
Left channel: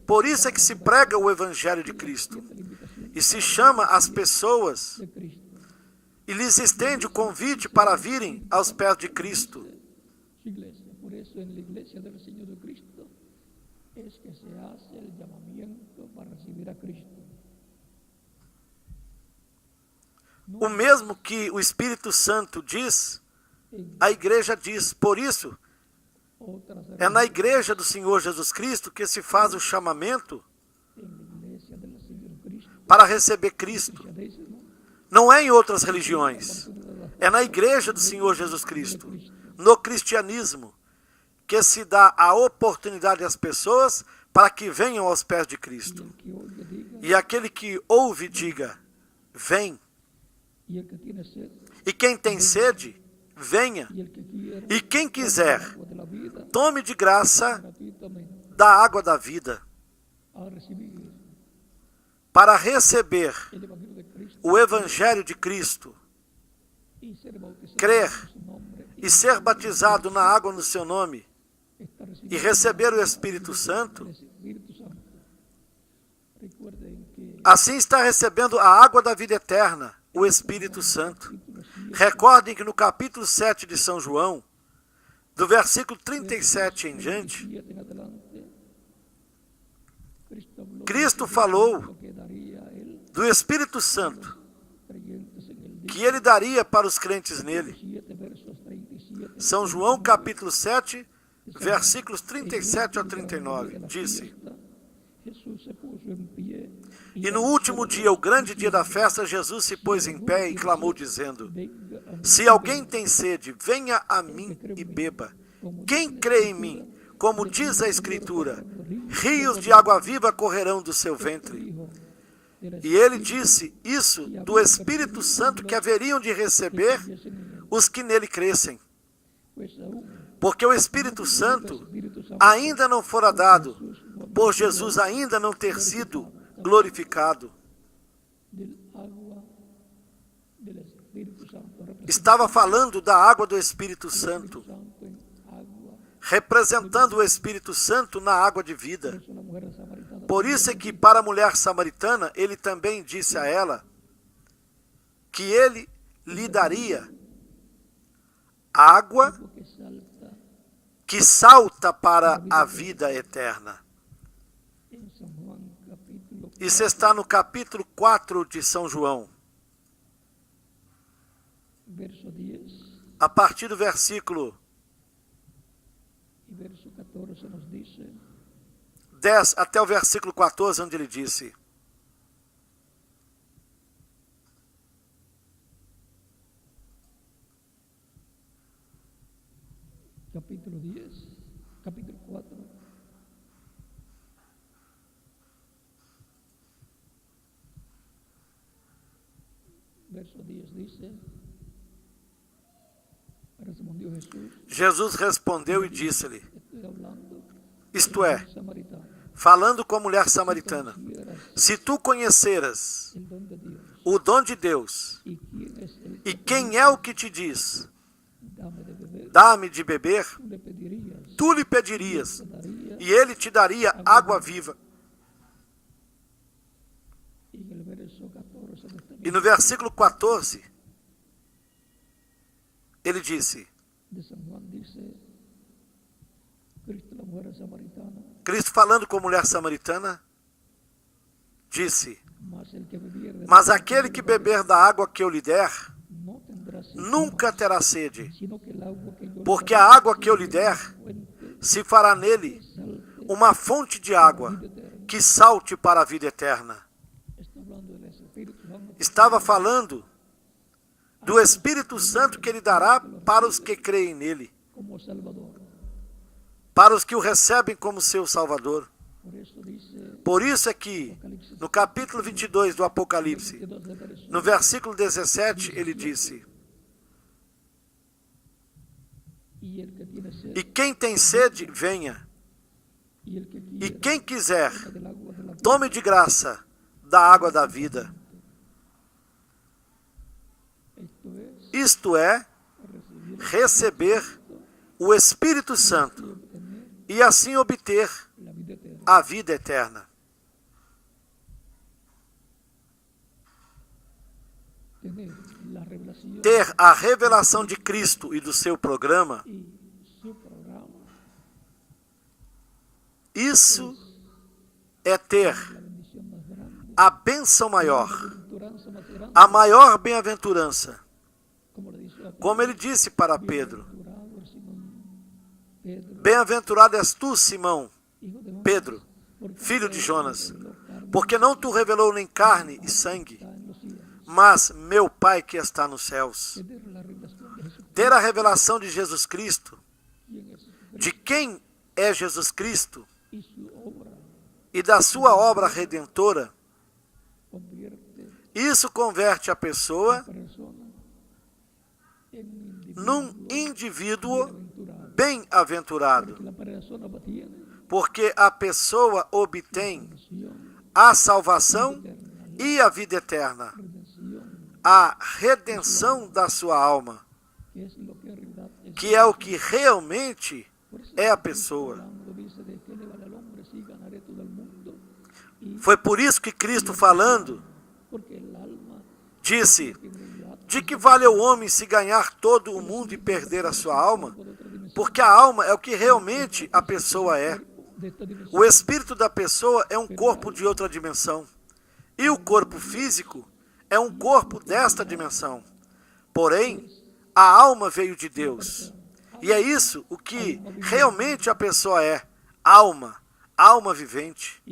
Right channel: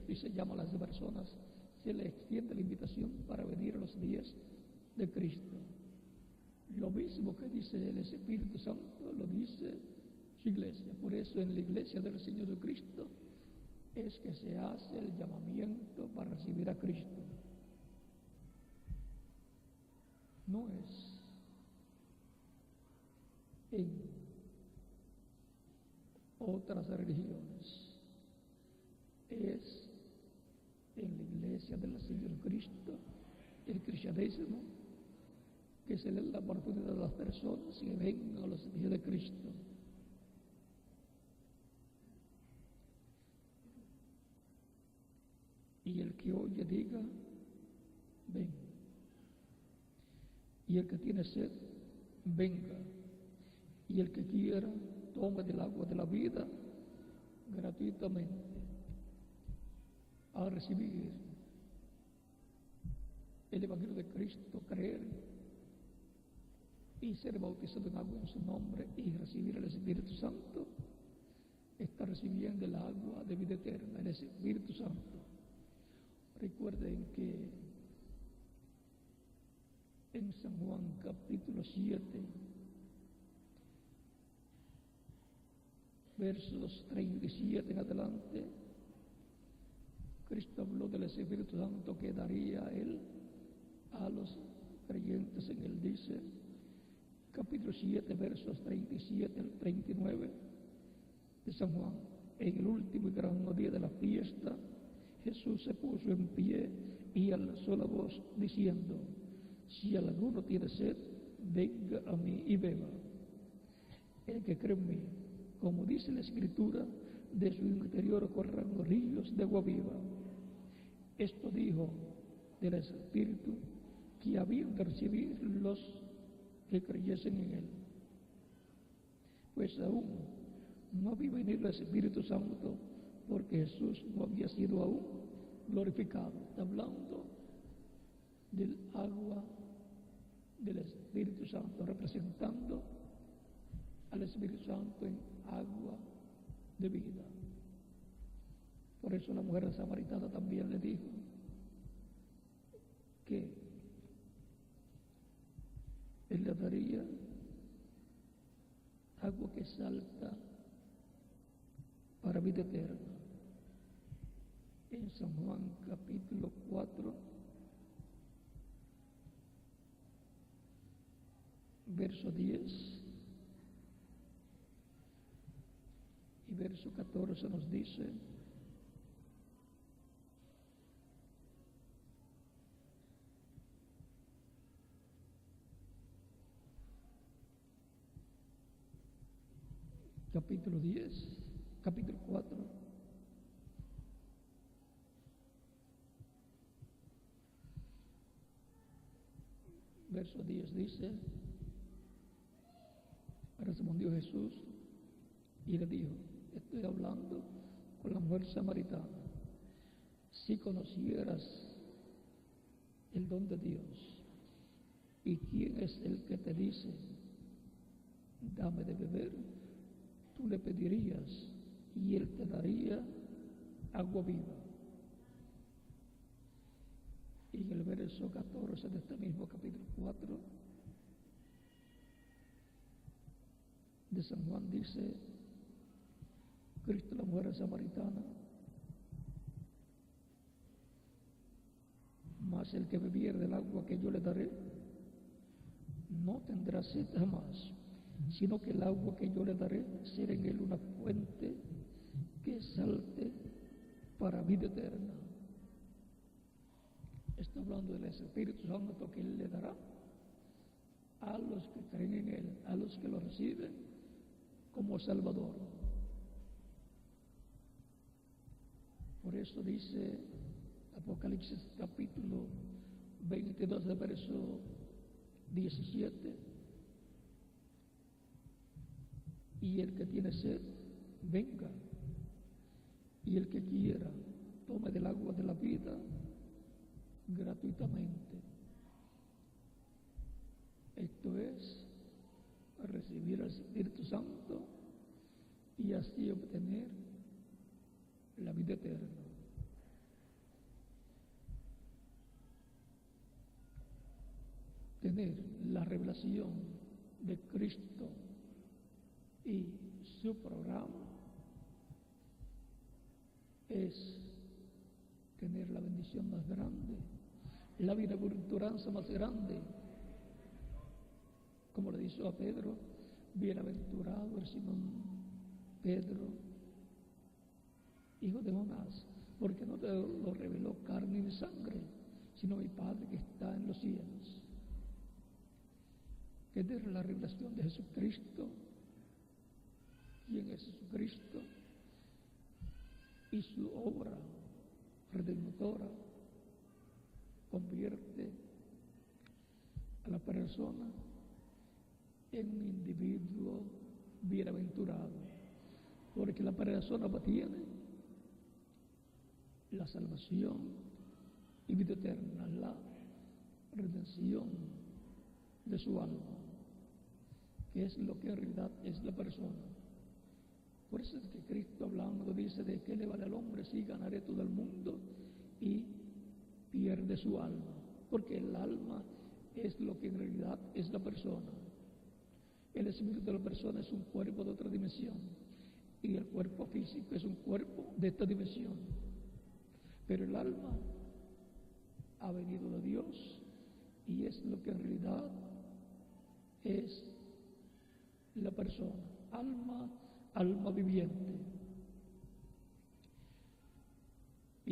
Por isso é que se prega o Evangelho de Cristo. E se chama as pessoas e lhes estende o convite para virem aos pés de Cristo. Por isso, na igreja do Senhor do Cristo, é que se hace o chamamento para receber a Cristo. O mesmo que o Espírito Santo diz, a igreja diz. Por isso, é na igreja do Senhor Jesus Cristo que se faz o chamamento para receber Cristo. Não é em outras religiões. É na igreja do Senhor Jesus Cristo, no cristianismo, que se dá a oportunidade às pessoas para que venham aos pés de Cristo. E aquele que ouve, diga: vem. E quem tem sede, venha. E quem quiser, tome de graça da água da vida, para receber o Evangelho de Cristo, crer e ser batizado na água no seu nome e receber o Espírito Santo. Assim está recebendo a água da vida eterna, o Espírito Santo. Recordem que no capítulo 7 de São João, do versículo 37 em diante, Cristo falou do Espírito Santo, que ele daria para os crentes nele. São João capítulo 7, versículos 37 a 39, diz: E no último dia, o grande dia da festa, Jesus se pôs em pé e clamou, dizendo: Se alguém tem sede, venha a mim e beba. Quem crê em mim, como diz a Escritura, rios de água viva correrão do seu ventre. E ele disse isso do Espírito Santo que haveriam de receber os que nele crescem. Porque o Espírito Santo ainda não fora dado, por Jesus ainda não ter sido glorificado. Estava falando da água do Espírito Santo, representando o Espírito Santo na água de vida. Por isso é que para a mulher samaritana, ele também disse a ela que ele lhe daria água que salta para a vida eterna. Isso está no capítulo 4 de São João. A partir do versículo 10 até o versículo 14, onde ele disse: Capítulo 10, capítulo 4. Verso 10 dice: Respondió Jesús. Jesus respondeu e disse-lhe, Estoy hablando isto con é, el samaritano. falando com a mulher samaritana, se tu conheceras El don de Dios. o dom de Deus, ¿Y quién es el e que quem é o que te diz, dame de beber? dá-me de beber, Tú le pedirías, tu lhe pedirias, te daría. e ele te daria água viva. Y en el verso 14 de este E no versículo 14, ele disse, de San Juan dice, Cristo, la mujer samaritana, Cristo falando com a mulher samaritana, disse, mas el que bebiere de mas la aquele água que yo le beber da água que eu lhe der, no tendrá sed nunca jamás, terá sede, sino que el agua que yo le porque daré a água que eu lhe sea der una fuente se fará que nele salte uma fonte de para la água vida eterna. que salte para a vida eterna. Está hablando del Espíritu Santo. Estava falando do Espírito Santo que ele dará para os que creem nele, Como Salvador. para os que o recebem como seu Salvador. Por eso dice Por isso é que, no capítulo 22 do Apocalipse, 22 de verso, no versículo 17, ele disse, y el que tiene sed, e quem tem sede, venha, y el que e quiera, quem quiser, tome del agua de la vida. tome de graça da água da vida. Esto es Isto é, recibir receber o Espírito Santo y obtener e assim obter la vida eterna. a vida eterna. Tener la revelación Ter a revelação de Cristo e do seu programa, y su programa isso é ter la bendición más grande, a bênção maior, la bienaventuranza más grande, a maior bem-aventurança. como le dice a Pedro, Como ele disse para Pedro, bienaventurado es Simón Pedro, bem-aventurado és tu, Simão, hijo de Jonás, Pedro, porque filho de no te Jonas, reveló carne porque não tu revelou nem carne e sangue, está en los cielos. mas meu Pai que está nos céus. Tener la revelación de Jesucristo, Ter a revelação de Jesus Cristo, quién es Jesucristo de quem é Jesus Cristo y su obra e da sua obra redentora, convierte isso converte a a pessoa persona en un num indivíduo bienaventurado, bem-aventurado, porque la persona obtiene porque a pessoa obtém salvación, a salvação eterna, e a vida eterna, redención, a redenção da sua alma, que es lo que en realidad es que é o que realmente Por eso é a Cristo pessoa. hablando dice, de qué le vale al hombre si ganaré todo el mundo y Foi por isso que Cristo falando porque el alma disse, que en realidad de que vale o homem se ganhar todo o mundo e perder a sua alma? Porque a alma é o que realmente a pessoa é. de esta dimensión, O espírito da pessoa é um corpo de outra dimensão. E o corpo físico é um corpo desta dimensão. Porém, a alma veio de Deus. E é isso o que realmente a pessoa é. Alma vivente.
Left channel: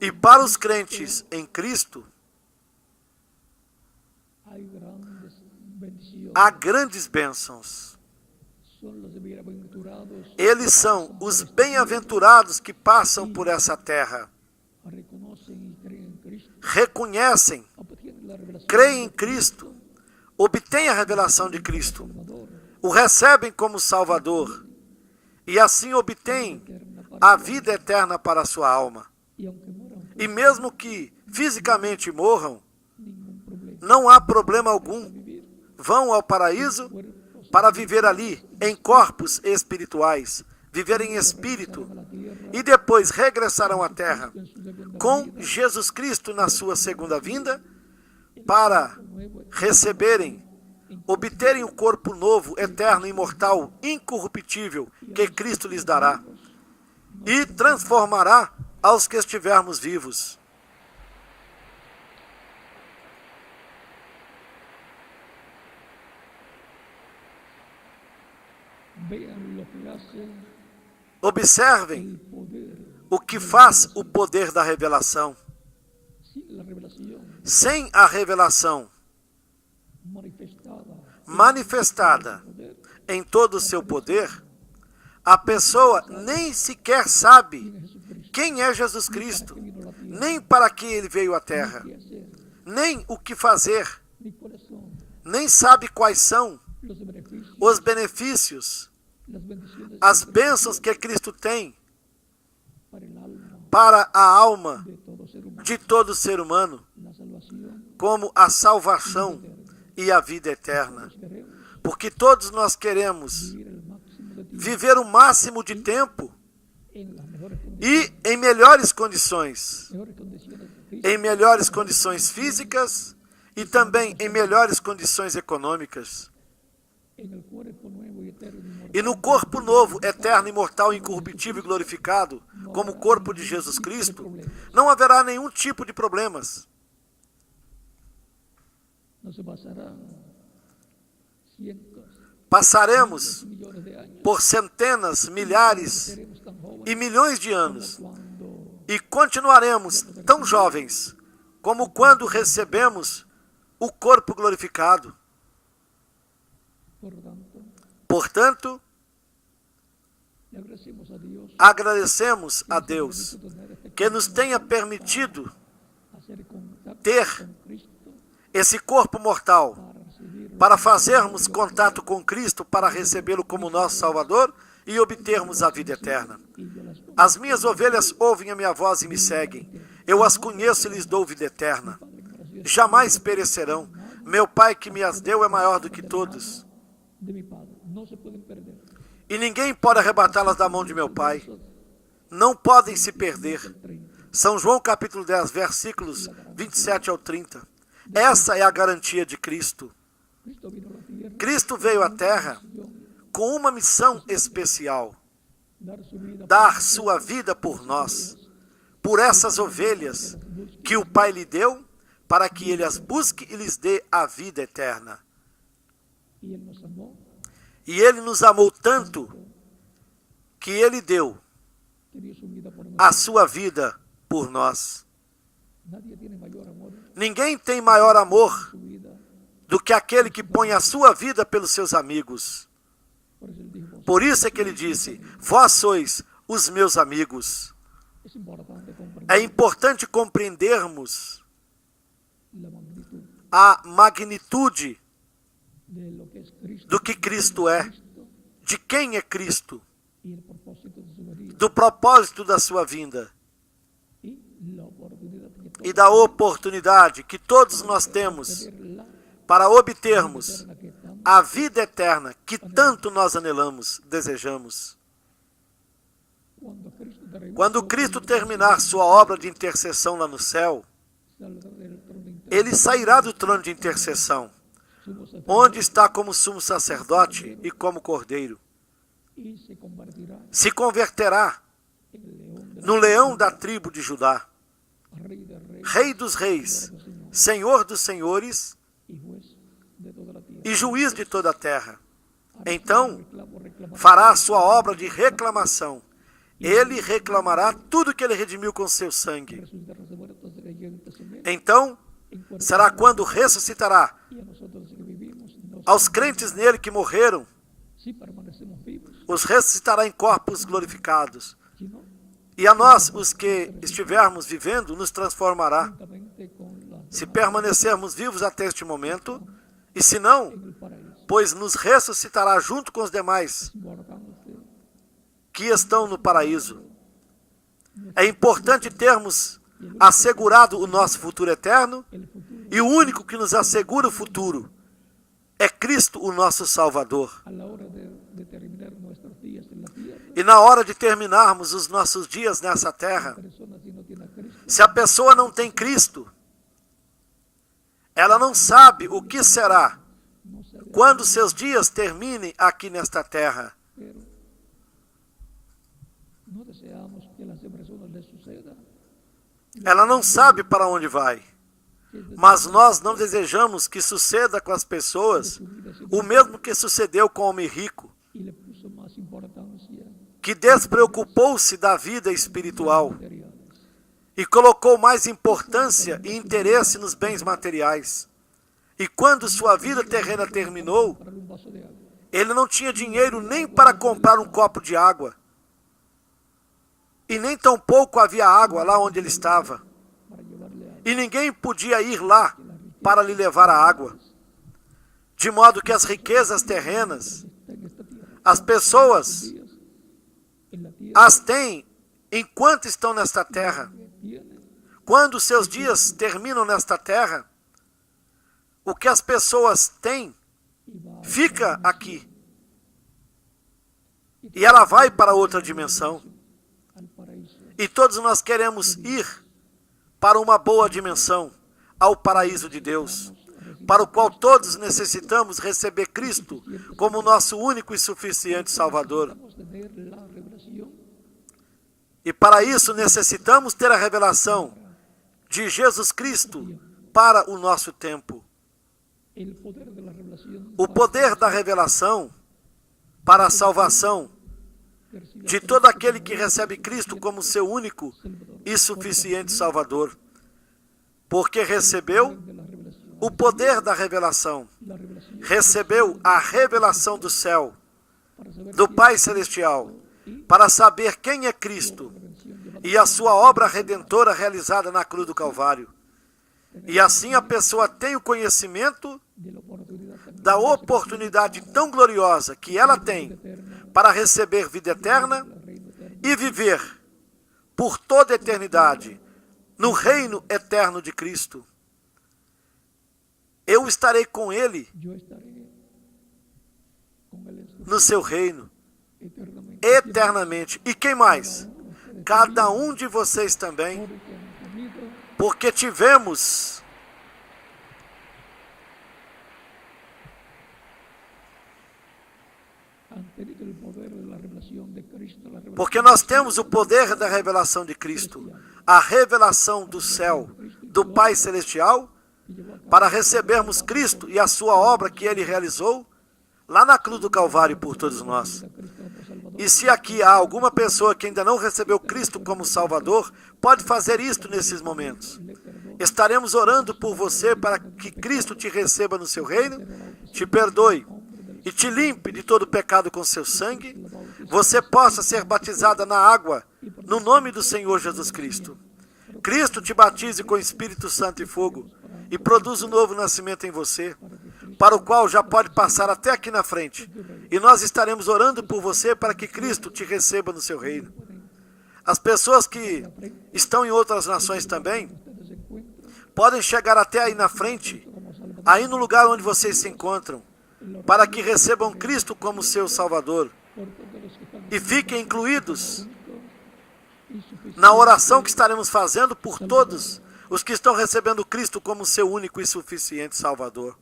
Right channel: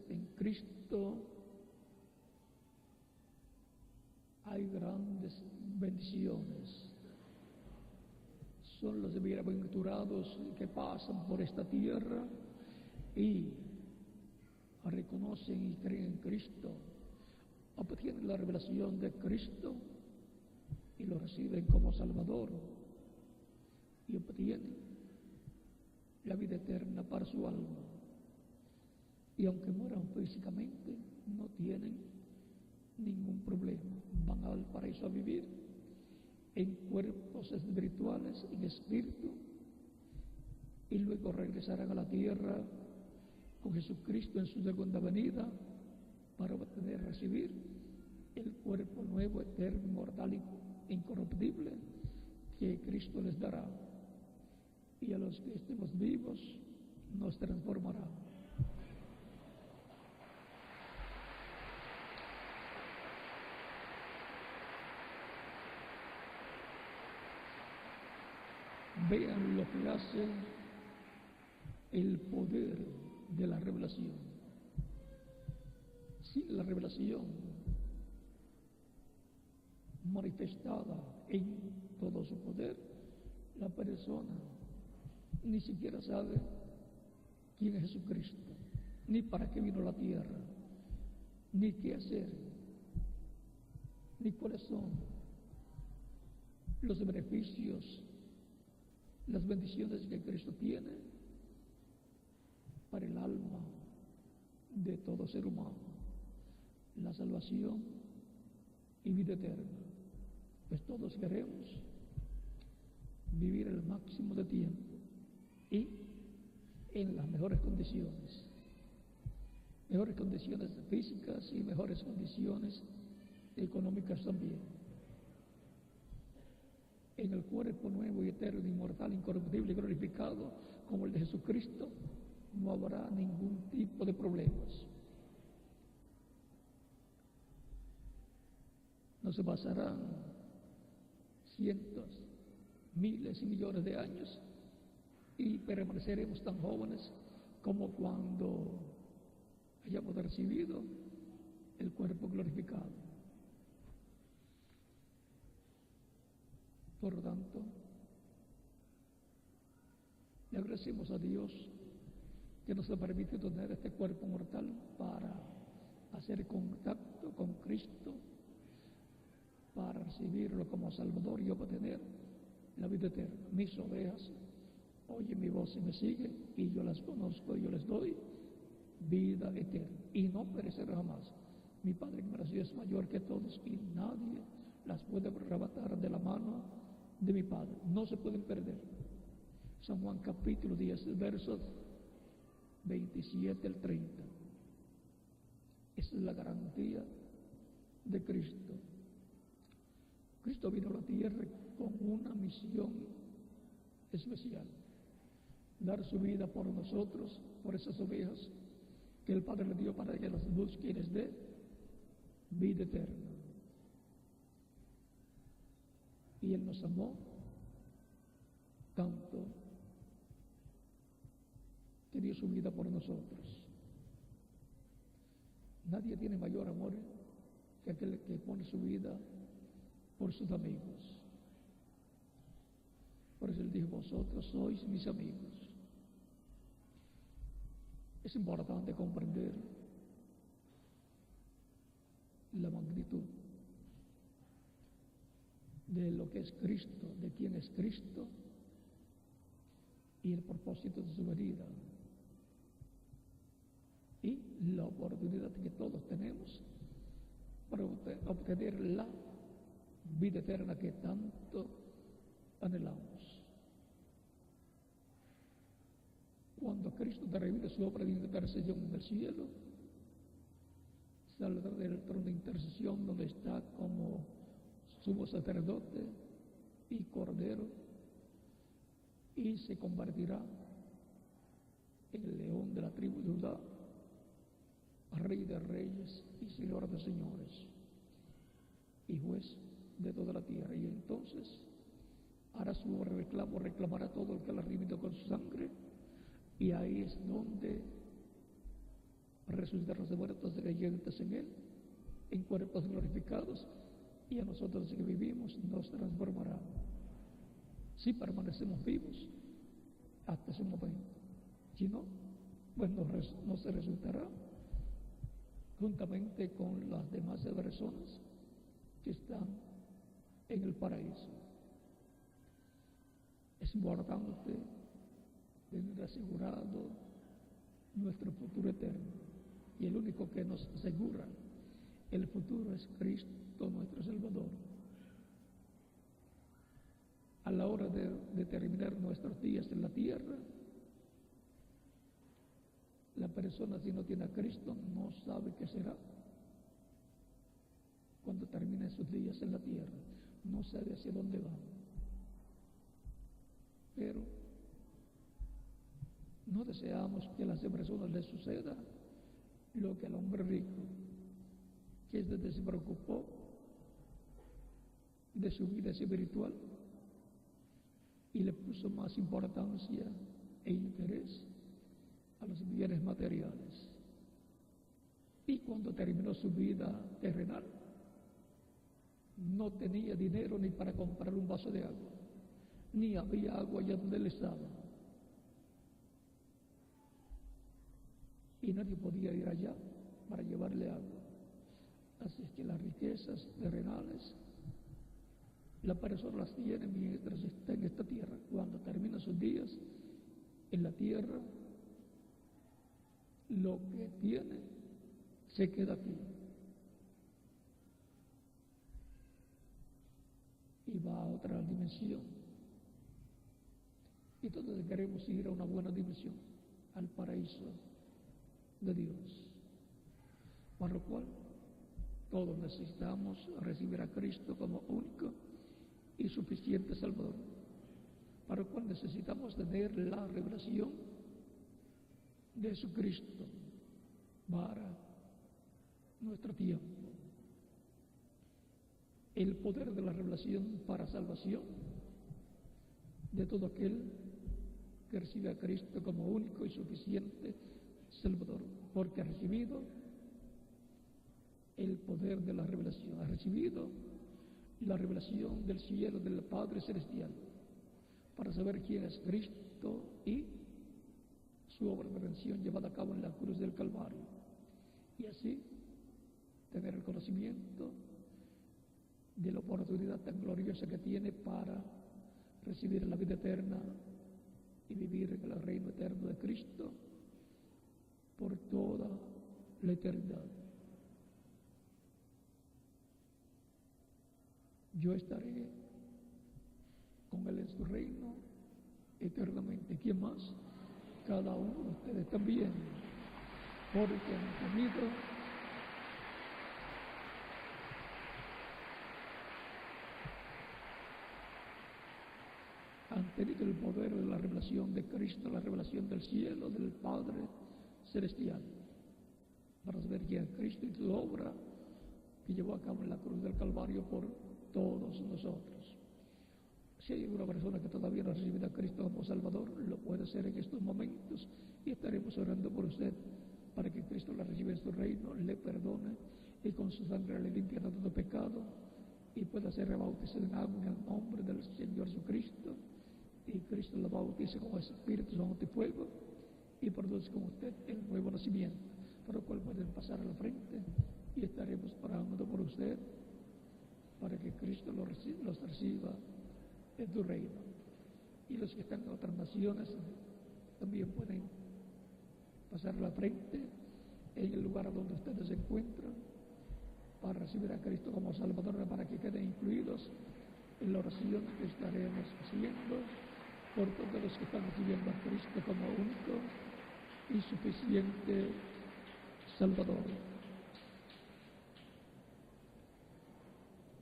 E para os crentes em Cristo, há grandes bênçãos. Eles são os bem-aventurados que passam por essa terra. Reconhecem, creem em Cristo, obtêm a revelação de Cristo, o recebem como Salvador e assim obtêm a vida eterna para a sua alma. E mesmo que fisicamente morram, não há problema algum. Vão ao paraíso para viver ali em corpos espirituais, viver em espírito, e depois regressarão à terra com Jesus Cristo na sua segunda vinda para receberem, obterem o corpo novo, eterno, imortal, incorruptível que Cristo lhes dará e transformará aos que estivermos vivos. Observem o que faz o poder da revelação. Sem a revelação manifestada em todo o seu poder, a pessoa nem sequer sabe quem é Jesus Cristo, nem para que ele veio à Terra, nem o que fazer, nem sabe quais são os benefícios, as bênçãos que Cristo tem para a alma de todo ser humano, como a salvação e a vida eterna. Porque todos nós queremos viver o máximo de tempo e em melhores condições físicas e também em melhores condições econômicas. E no corpo novo, eterno, imortal, incorruptível e glorificado, como o corpo de Jesus Cristo, não haverá nenhum tipo de problemas. Passaremos por centenas, milhares e milhões de anos e continuaremos tão jovens como quando recebemos o corpo glorificado. Portanto, agradecemos a Deus que nos tenha permitido ter esse corpo mortal para fazermos contato com Cristo, para recebê-lo como nosso Salvador e obtermos a vida eterna. As minhas ovelhas ouvem a minha voz e me seguem. Eu as conheço e lhes dou vida eterna. Jamais perecerão. Meu Pai que me as deu é maior do que todos. E ninguém pode arrebatá-las da mão de meu Pai. Não podem se perder. São João capítulo 10, versículos 27 ao 30. Essa é a garantia de Cristo. Cristo veio à Terra com uma missão especial: dar sua vida por nós, por essas ovelhas que o Pai lhe deu, para que ele as busque e lhes dê a vida eterna. E ele nos amou tanto que ele deu a sua vida por nós. Ninguém tem maior amor do que aquele que põe a sua vida pelos seus amigos. Por isso é que ele disse: vós sois os meus amigos. É importante compreendermos a magnitude do que Cristo é, de quem é Cristo, do propósito da sua vinda e da oportunidade que todos nós temos para obtermos a vida eterna que tanto nós anelamos, desejamos. Quando Cristo terminar sua obra de intercessão lá no céu, ele sairá do trono de intercessão, onde está como sumo sacerdote e como cordeiro. Se converterá no leão da tribo de Judá, Rei dos reis, Senhor dos senhores e juiz de toda a terra. Então fará a sua obra de reclamação. Ele reclamará tudo que ele redimiu com seu sangue. Então será quando ressuscitará aos crentes nele que morreram, os ressuscitará em corpos glorificados. E a nós, os que estivermos vivendo, nos transformará. Se permanecermos vivos até este momento, e se não, pois nos ressuscitará junto com os demais que estão no paraíso. É importante termos assegurado o nosso futuro eterno, e o único que nos assegura o futuro é Cristo, o nosso Salvador. E na hora de terminarmos os nossos dias nessa terra, se a pessoa não tem Cristo, ela não sabe o que será quando seus dias terminem aqui nesta terra. Ela não sabe para onde vai. Mas nós não desejamos que suceda com as pessoas o mesmo que sucedeu com o homem rico, que despreocupou-se da vida espiritual e colocou mais importância e interesse nos bens materiais. E quando sua vida terrena terminou, ele não tinha dinheiro nem para comprar um copo de água. E nem tampouco havia água lá onde ele estava. E ninguém podia ir lá para lhe levar a água. De modo que as riquezas terrenas, as pessoas as têm enquanto estão nesta terra. Quando seus dias terminam nesta terra, o que as pessoas têm fica aqui. E ela vai para outra dimensão. E todos nós queremos ir para uma boa dimensão, ao paraíso de Deus, para o qual todos necessitamos receber Cristo como nosso único e suficiente Salvador. E para isso necessitamos ter a revelação de Jesus Cristo para o nosso tempo. O poder da revelação para a salvação de todo aquele que recebe Cristo como seu único e suficiente Salvador, porque recebeu o poder da revelação, recebeu a revelação do céu, do Pai Celestial, para saber quem é Cristo e a sua obra redentora realizada na cruz do Calvário. E assim a pessoa tem o conhecimento da oportunidade tão gloriosa que ela tem para receber vida eterna e viver por toda a eternidade no reino eterno de Cristo. Eu estarei com Ele no seu reino eternamente. E quem mais? Cada um de vocês também, porque tivemos nós temos o poder da revelação de Cristo, a revelação do céu, do Pai Celestial, para recebermos Cristo e a sua obra que Ele realizou lá na cruz do Calvário por todos nós. E se aqui há alguma pessoa que ainda não recebeu Cristo como Salvador, pode fazer isto nesses momentos. Estaremos orando por você para que Cristo te receba no seu reino, te perdoe e te limpe de todo pecado com seu sangue, você possa ser batizada na água, no nome do Senhor Jesus Cristo. Cristo te batize com Espírito Santo e fogo e produz um novo nascimento em você, para o qual já pode passar até aqui na frente. E nós estaremos orando por você para que Cristo te receba no seu reino. As pessoas que estão em outras nações também podem chegar até aí na frente, aí no lugar onde vocês se encontram, para que recebam Cristo como seu Salvador e fiquem incluídos na oração que estaremos fazendo por todos os que estão recebendo Cristo como seu único e suficiente Salvador.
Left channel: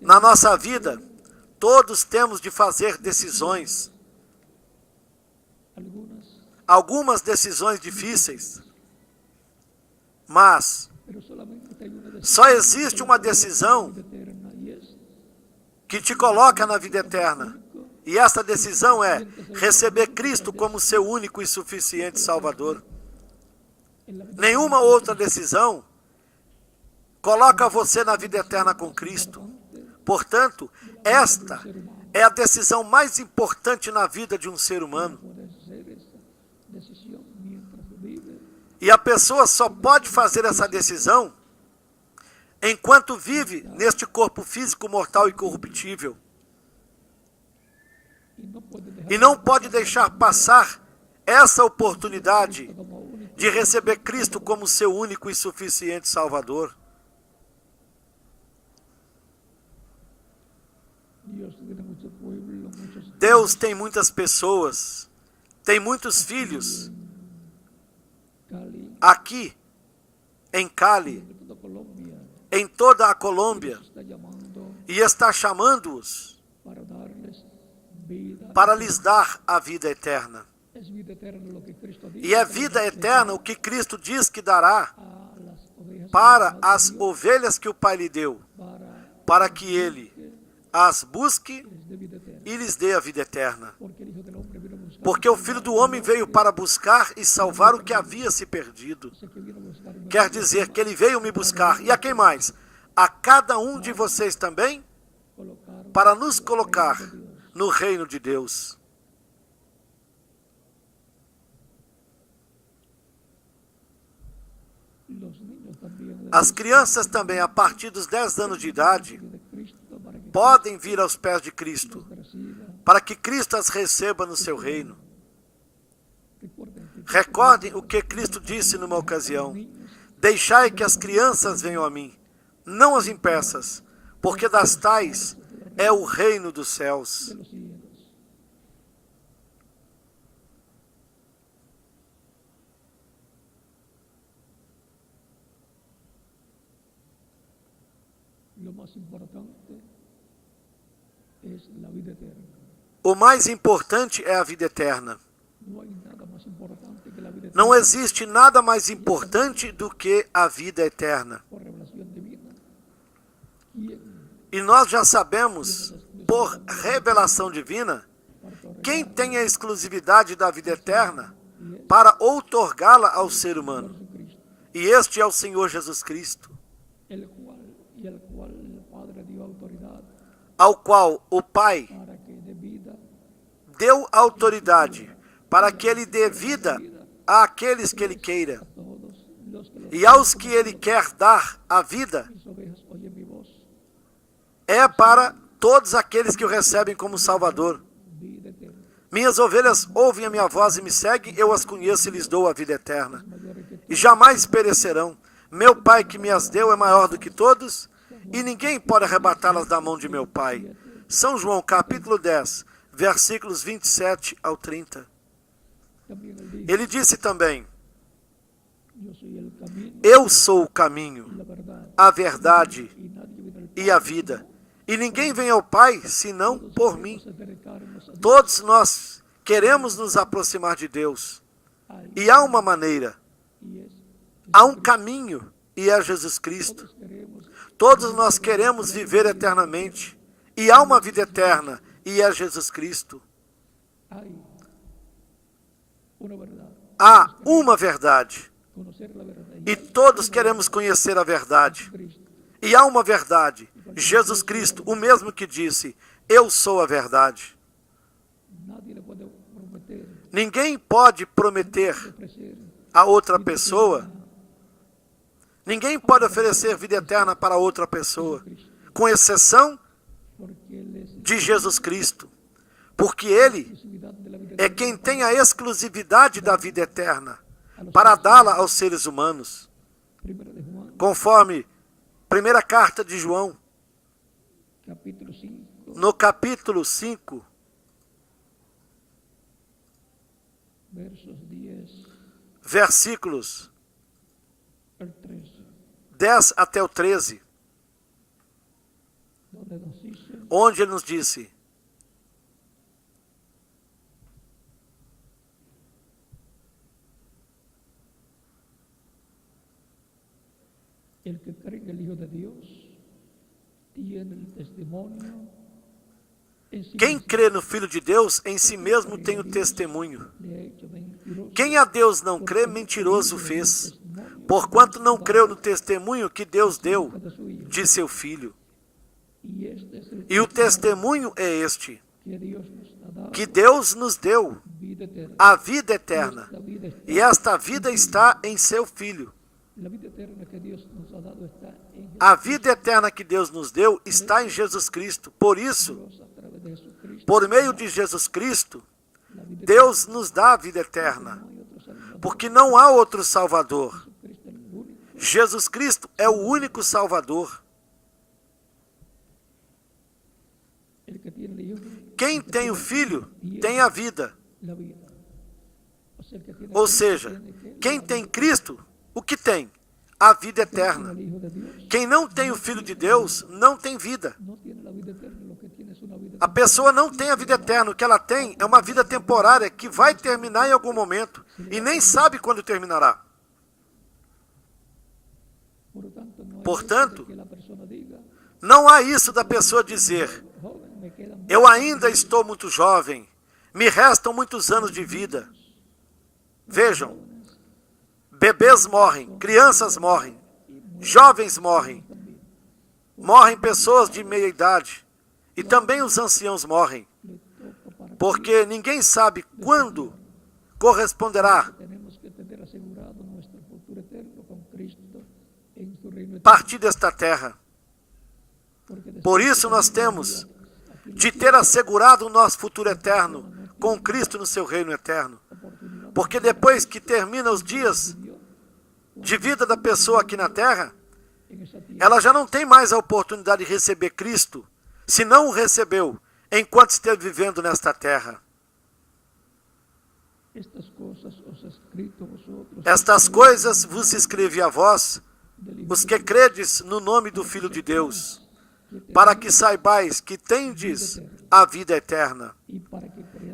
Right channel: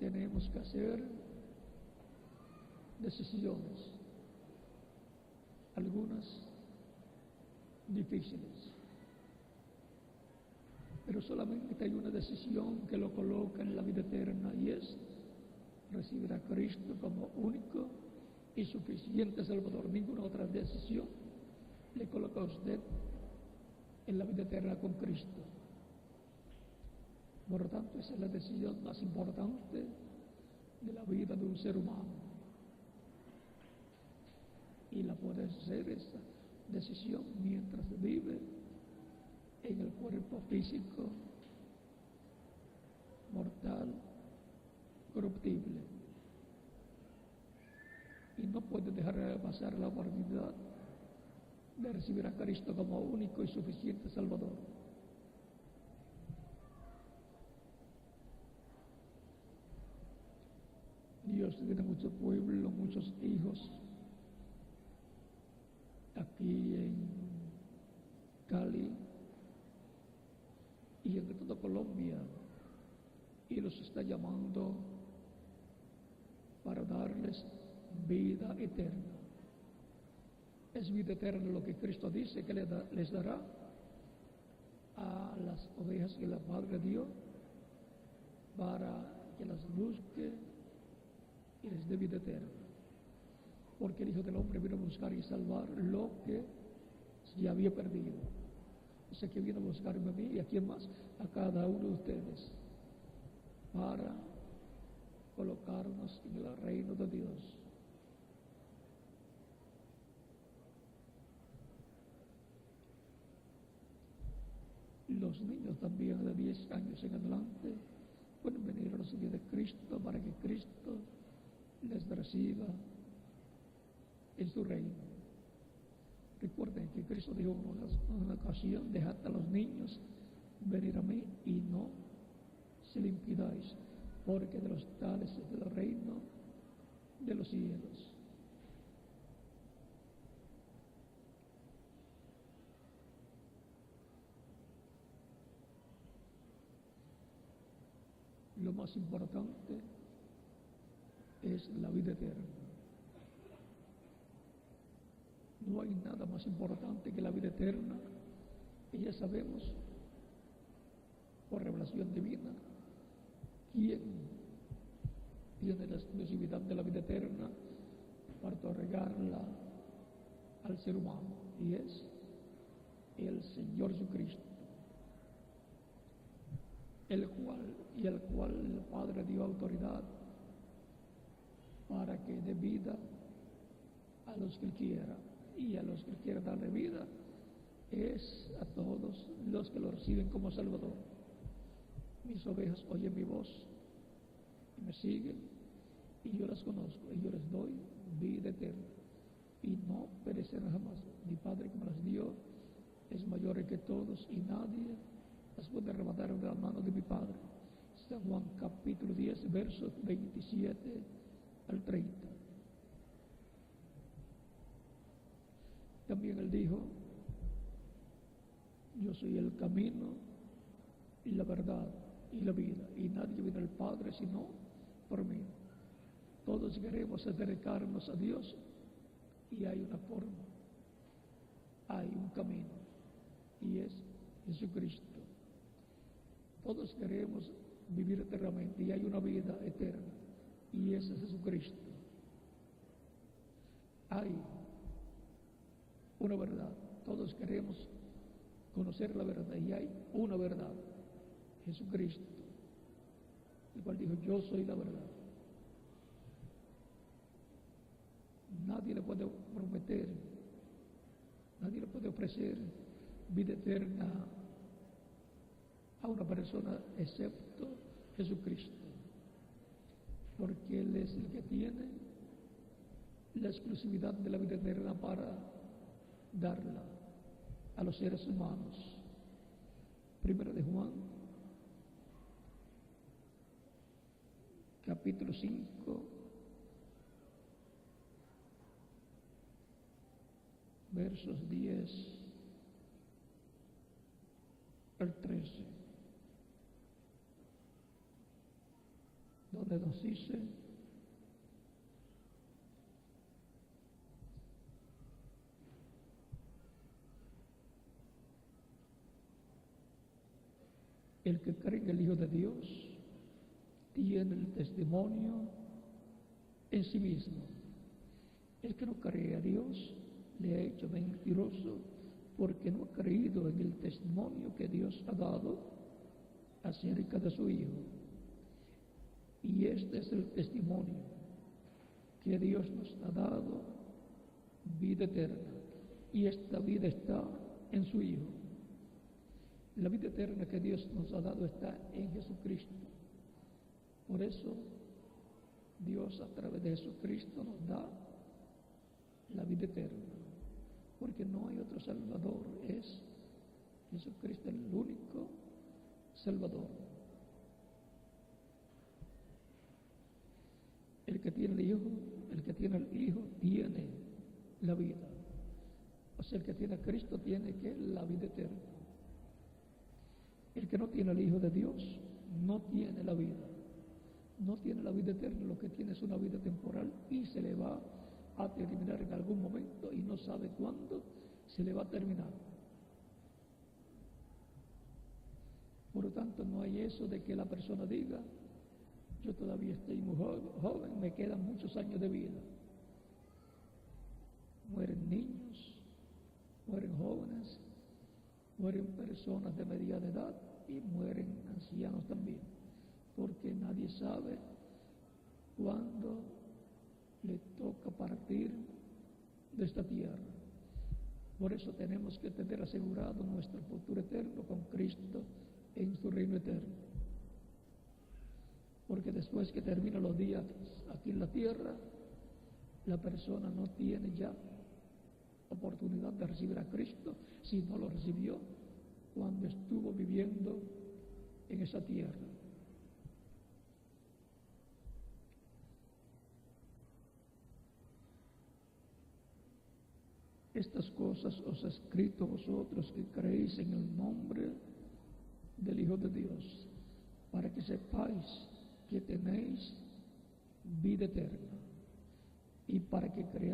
Na nossa vida, todos temos de fazer decisões, algumas decisões difíceis, mas Só existe uma decisão que te coloca na vida eterna. E essa decisão é receber Cristo como seu único e suficiente Salvador. Nenhuma outra decisão coloca você na vida eterna com Cristo. Portanto, esta é a decisão mais importante na vida de um ser humano. E a pessoa só pode fazer essa decisão enquanto vive neste corpo físico mortal e corruptível. E não pode deixar passar essa oportunidade de receber Cristo como seu único e suficiente Salvador. Deus tem muitas pessoas, tem muitos filhos aqui em Cali, em toda a Colômbia, e está chamando-os para lhes dar a vida eterna. E é vida eterna o que Cristo diz que dará para as ovelhas que o Pai lhe deu, para que Ele as busque e lhes dê a vida eterna. Porque o Filho do Homem veio para buscar e salvar o que havia se perdido. Quer dizer que Ele veio me buscar. E a quem mais? A cada um de vocês também, para nos colocar no reino de Deus. As crianças também, a partir dos 10 anos de idade, podem vir aos pés de Cristo, para que Cristo as receba no seu reino. Recordem o que Cristo disse numa ocasião: deixai que as crianças venham a mim, não as impeças, porque das tais é o reino dos céus. O mais importante é a vida eterna. Não existe nada mais importante do que a vida eterna. E nós já sabemos, por revelação divina, quem tem a exclusividade da vida eterna para outorgá-la ao ser humano. E este é o Senhor Jesus Cristo, ao qual o Pai deu autoridade para que Ele dê vida àqueles que Ele queira. E aos que Ele quer dar a vida, é para todos aqueles que o recebem como Salvador. Minhas ovelhas ouvem a minha voz e me seguem, eu as conheço e lhes dou a vida eterna. E jamais perecerão. Meu Pai que me as deu é maior do que todos, e ninguém pode arrebatá-las da mão de meu Pai. São João, capítulo 10, versículos 27 ao 30. Ele disse também: eu sou o caminho, a verdade e a vida, e ninguém vem ao Pai senão por mim. Todos nós queremos nos aproximar de Deus, e há uma maneira, há um caminho, e é Jesus Cristo. Todos nós queremos viver eternamente, e há uma vida eterna, e é Jesus Cristo. Há uma verdade, e todos queremos conhecer a verdade. E há uma verdade, Jesus Cristo, o mesmo que disse: eu sou a verdade. Ninguém pode prometer a outra pessoa, ninguém pode oferecer vida eterna para outra pessoa, com exceção de Jesus Cristo, porque Ele é quem tem a exclusividade da vida eterna para dá-la aos seres humanos. Conforme primeira carta de João, no capítulo 5, versículos 10 até o 13, onde ele nos disse: El que cree en el Hijo de Dios tiene el testimonio en sí Quem mismo. crê no Filho de Deus, em si mesmo tem o testemunho. Quem a Deus não crê, mentiroso fez, porquanto não creu no testemunho que Deus deu de seu Filho. E o testemunho é este, que Deus nos deu a vida eterna, e esta vida está em seu Filho. A vida eterna que Deus nos deu está em Jesus Cristo. Por isso, por meio de Jesus Cristo, Deus nos dá a vida eterna, porque não há outro Salvador. Jesus Cristo é o único Salvador. Quem tem o Filho tem a vida. Ou seja, quem tem Cristo, o que tem? A vida eterna. Quem não tem o Filho de Deus, não tem vida. A pessoa não tem a vida eterna. O que ela tem é uma vida temporária que vai terminar em algum momento e nem sabe quando terminará. Portanto, não há isso da pessoa dizer: eu ainda estou muito jovem, me restam muitos anos de vida. Vejam, bebês morrem, crianças morrem, jovens morrem, morrem pessoas de meia idade e também os anciãos morrem, porque ninguém sabe quando corresponderá partir desta terra. Por isso nós temos de ter assegurado o nosso futuro eterno com Cristo no seu reino eterno. Porque depois que termina os dias de vida da pessoa aqui na terra, ela já não tem mais a oportunidade de receber Cristo, se não o recebeu enquanto esteve vivendo nesta terra. Estas coisas vos escrevi a vós, os que credes no nome do Filho de Deus, para que saibais que tendes a vida eterna,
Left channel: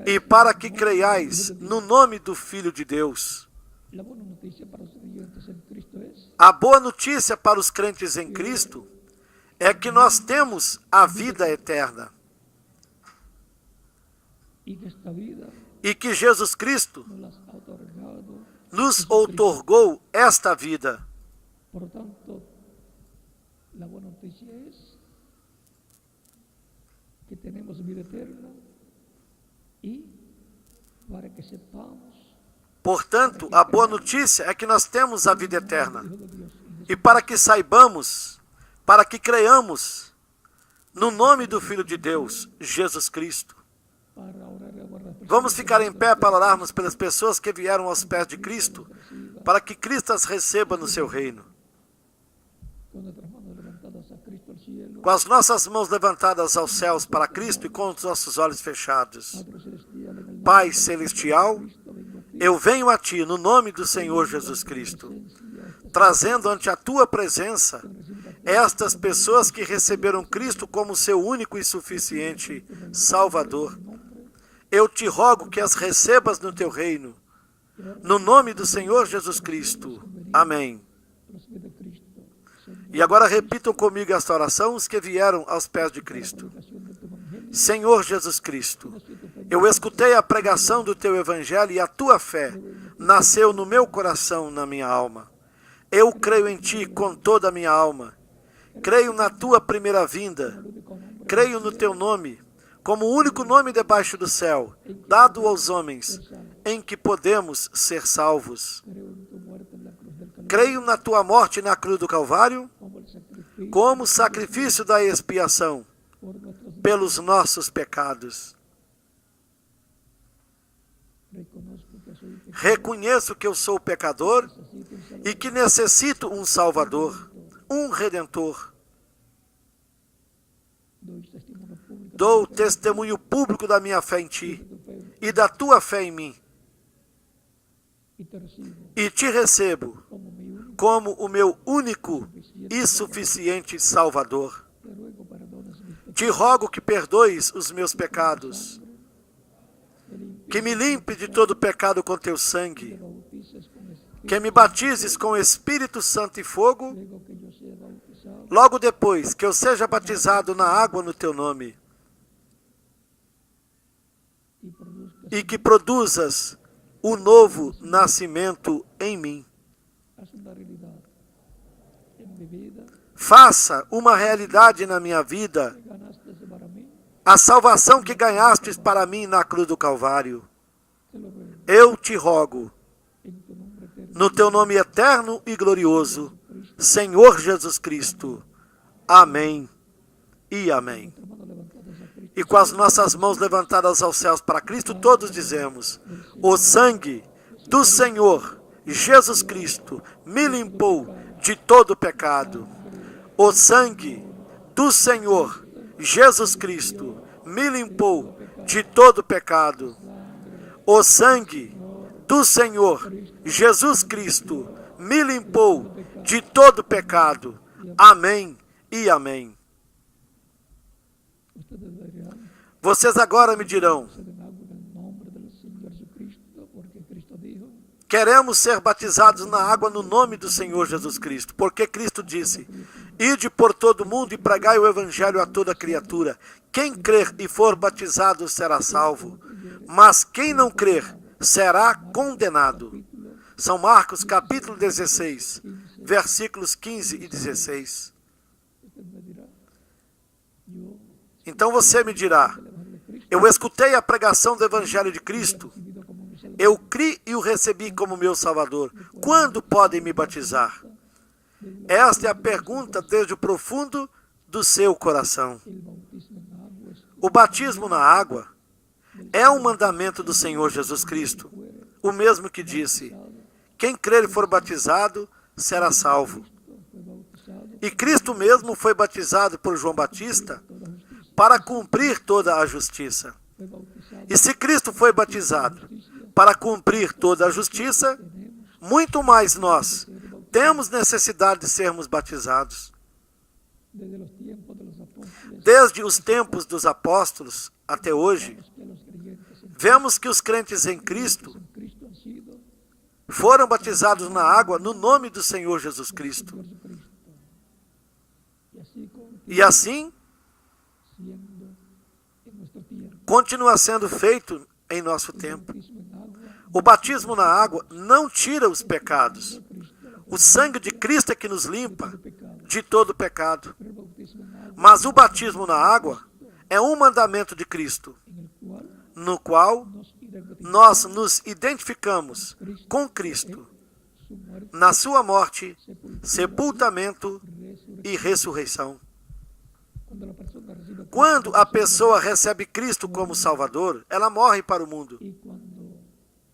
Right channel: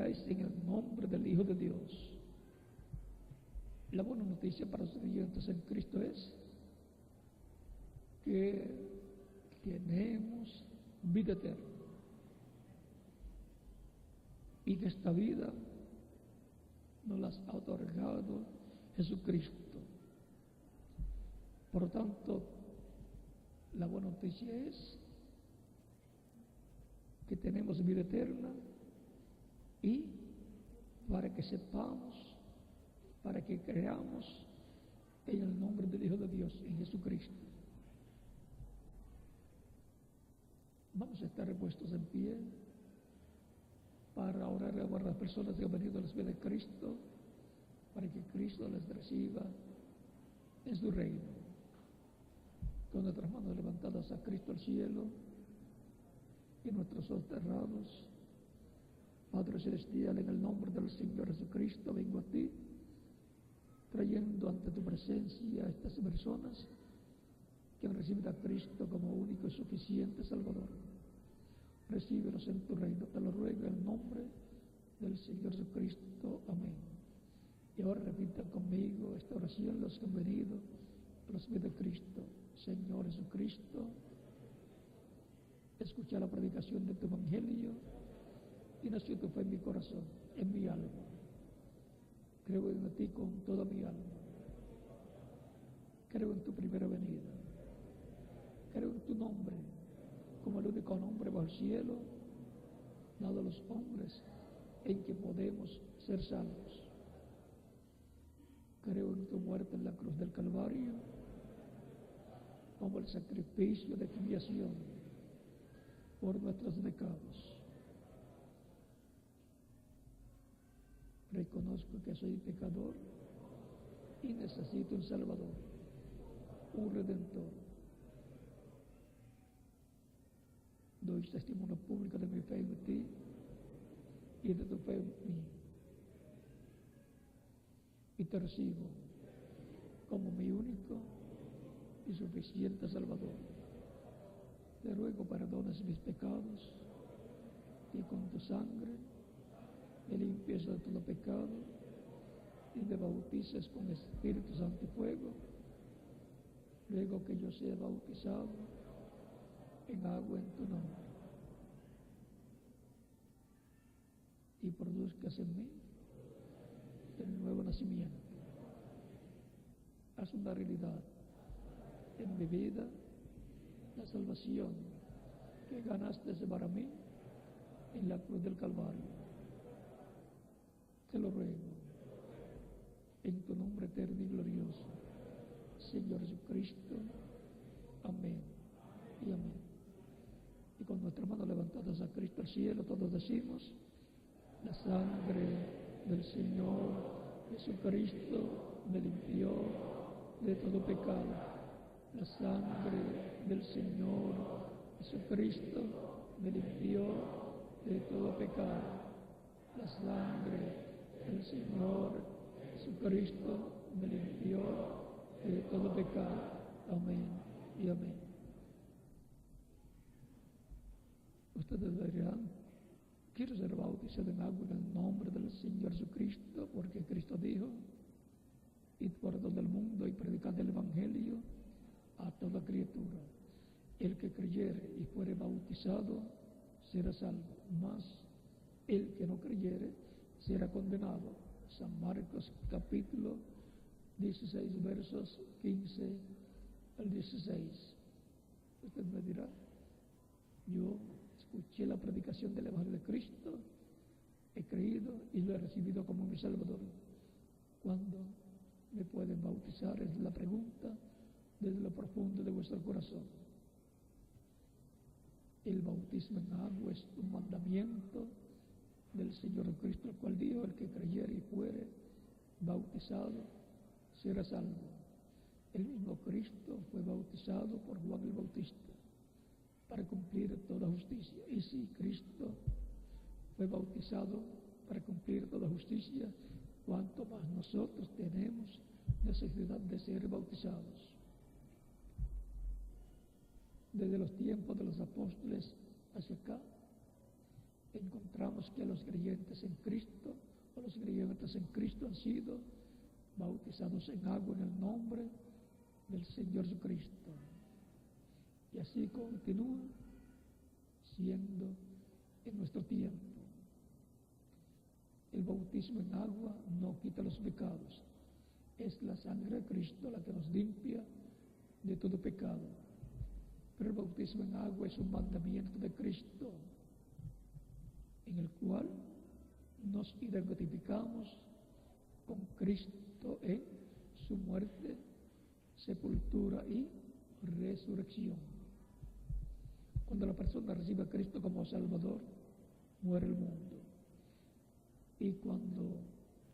e para que creiais no nome do Filho de Deus. A boa notícia para os crentes em Cristo é que nós temos a vida eterna, e que Jesus Cristo nos outorgou esta vida. Portanto, a boa notícia é que temos vida eterna e para que sepamos. Portanto, a boa notícia é que nós temos a vida eterna. E para que saibamos, para que creiamos no nome do Filho de Deus, Jesus Cristo. Vamos ficar em pé para orarmos pelas pessoas que vieram aos pés de Cristo, para que Cristo as receba no seu reino. Com as nossas mãos levantadas aos céus para Cristo e com os nossos olhos fechados. Pai Celestial, eu venho a Ti no nome do Senhor Jesus Cristo, trazendo ante a Tua presença estas pessoas que receberam Cristo como seu único e suficiente Salvador. Eu te rogo que as recebas no Teu reino, no nome do Senhor Jesus Cristo. Amém. E agora repitam comigo esta oração, os que vieram aos pés de Cristo. Senhor Jesus Cristo, eu escutei a pregação do Teu Evangelho e a Tua fé nasceu no meu coração, na minha alma. Eu creio em Ti com toda a minha alma. Creio na Tua primeira vinda. Creio no Teu nome, como o único nome debaixo do céu, dado aos homens, em que podemos ser salvos. Creio na Tua morte na cruz do Calvário, como sacrifício da expiação pelos nossos pecados. Reconheço que eu sou pecador e que necessito um Salvador, um Redentor. Dou testemunho público da minha fé em Ti e da Tua fé em mim. E Te recebo como o meu único e suficiente Salvador. Te rogo que perdoes os meus pecados, que me limpe de todo pecado com Teu sangue que me batizes com Espírito Santo e fogo, luego que yo sea bautizado logo depois que eu seja batizado na água no teu nome, y produzcas e que produzas o novo nascimento em mim. haz una realidad en mi vida Faça uma realidade na minha vida que ganaste para mí, a salvação que ganhastes para mim na cruz do Calvário. te lo ruego Eu te rogo, en tu nombre eterno, no teu nome eterno e glorioso, Jesucristo. Senhor Jesus Cristo. Amém e amém. Nuestra mano levantada a Cristo, E com as nossas mãos levantadas aos céus para Cristo, todos dizemos: o sangue do Senhor Jesus Cristo me limpou de todo pecado. O sangue do Senhor Jesus Cristo me limpou de todo pecado. O sangue do Senhor Jesus Cristo me limpou de todo pecado. Amém e amém. ustedes dirán, Vocês agora me dirão: se den agua en el nombre del Señor Jesucristo, porque Cristo dijo, queremos ser batizados na água no nome do Senhor Jesus Cristo, porque Cristo disse: ide por todo o mundo e pregai o evangelho a toda criatura. Quem crer e for batizado será salvo, mas quem não crer será condenado. capítulo São Marcos, capítulo 16, versículos 15 e 16. usted me dirá, yo Então você me dirá: el Evangelio de Cristo eu escutei a pregação do evangelho de Cristo, recibido como mi Salvador, eu criei e o recebi como meu Salvador. Quando podem me batizar? Esta é a pergunta desde o profundo do seu coração. el bautismo en agua es O batismo na água é um mandamento do Senhor Jesus Cristo, o mesmo que disse: quem crer e for batizado será salvo. fue bautizado E Cristo mesmo foi batizado por João Batista toda justicia, para cumprir toda a justiça. fue bautizado E se Cristo foi batizado para cumprir toda a justiça, tenemos muito mais nós ser bautizados temos necessidade de sermos batizados. desde los tiempos de los apóstoles Desde os tempos dos apóstolos até hoje, vemos que los creyentes vemos que os crentes em Cristo en Cristo han sido foram batizados na água no nome do Senhor Jesus Cristo. Señor Jesucristo, y así E assim siendo en nuestro tiempo continua sendo feito em nosso el tempo. bautismo en agua O batismo na água não tira os pecados. de Cristo, la O sangue de Cristo é que nos limpa de pecado, de todo pecado. pero el bautismo en agua Mas o batismo na água é um mandamento de Cristo, en el cual no qual nos identificamos nós nos identificamos com Cristo su muerte, na sua morte, sepultura sepultamento y e ressurreição. Cuando la persona recibe a Cristo Quando como a Salvador, pessoa recebe Cristo como Salvador, ela morre para o mundo. y cuando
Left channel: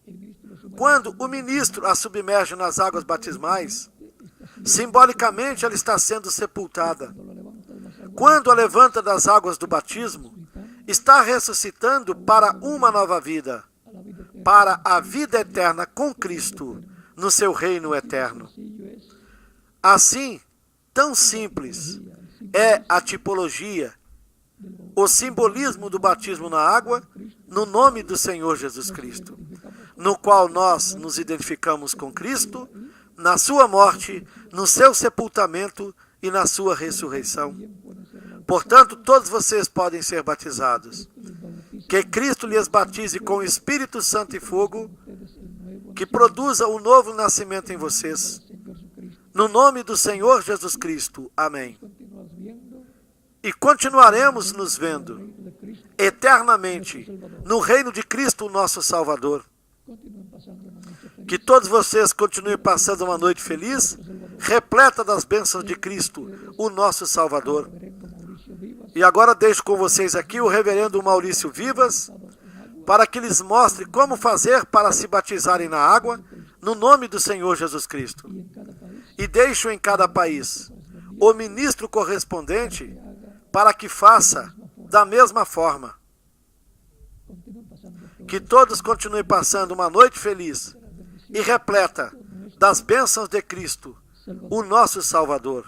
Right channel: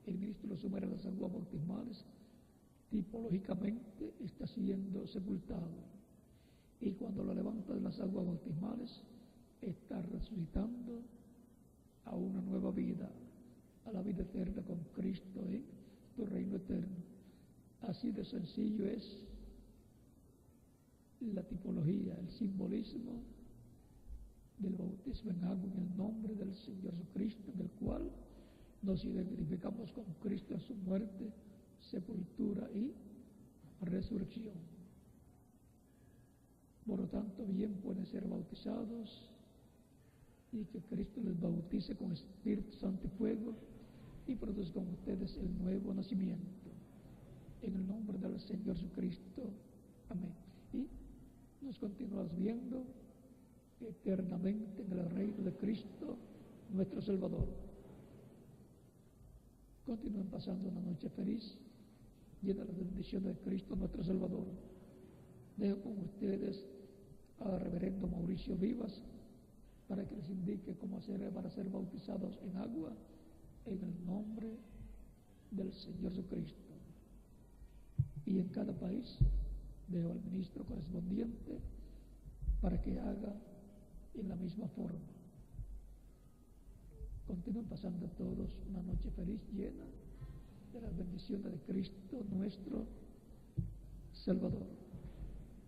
el ministro lo sumerge Quando en o agua ministro a submerge nas águas batismais, está siendo simbolicamente ela está sendo sepultada. cuando lo levanta de las aguas Quando a levanta das águas do batismo, resucitando está ressuscitando para uma nova vida, a la vida eterna. para a vida eterna com Cristo, no seu reino eterno. Sencillo es Assim, tão simples é a tipologia, del bautismo o simbolismo do batismo na água, no nome do Senhor Jesus Cristo, no qual nós nos identificamos com Cristo, na sua morte, no seu sepultamento e na sua ressurreição. bien pueden ser bautizados. Portanto, todos vocês podem ser batizados. Les bautiza Que Cristo lhes batize com o Espírito Santo e fogo, ustedes el nuevo que produza o novo nascimento em vocês. Señor Jesucristo. No nome do Senhor Jesus Cristo. Amém. Continuamos viendo E continuaremos nos el vendo reino de Cristo. eternamente no reino de Cristo, nosso Salvador. Continúen pasando una noche feliz. Que todos vocês continuem passando uma noite feliz, repleta das bênçãos de Cristo, o nosso Salvador. Reverendo Mauricio Vivas, E agora deixo com vocês aqui o reverendo Maurício Vivas, bautizados en agua, para que lhes mostre como fazer para se batizarem na água, no nome do Senhor Jesus Cristo. y en cada país E deixo em cada país o ministro correspondente que haga, para que faça da mesma forma. continúen pasando todo Que todos continuem passando uma noite feliz e repleta das bênçãos de Cristo, o nosso Salvador.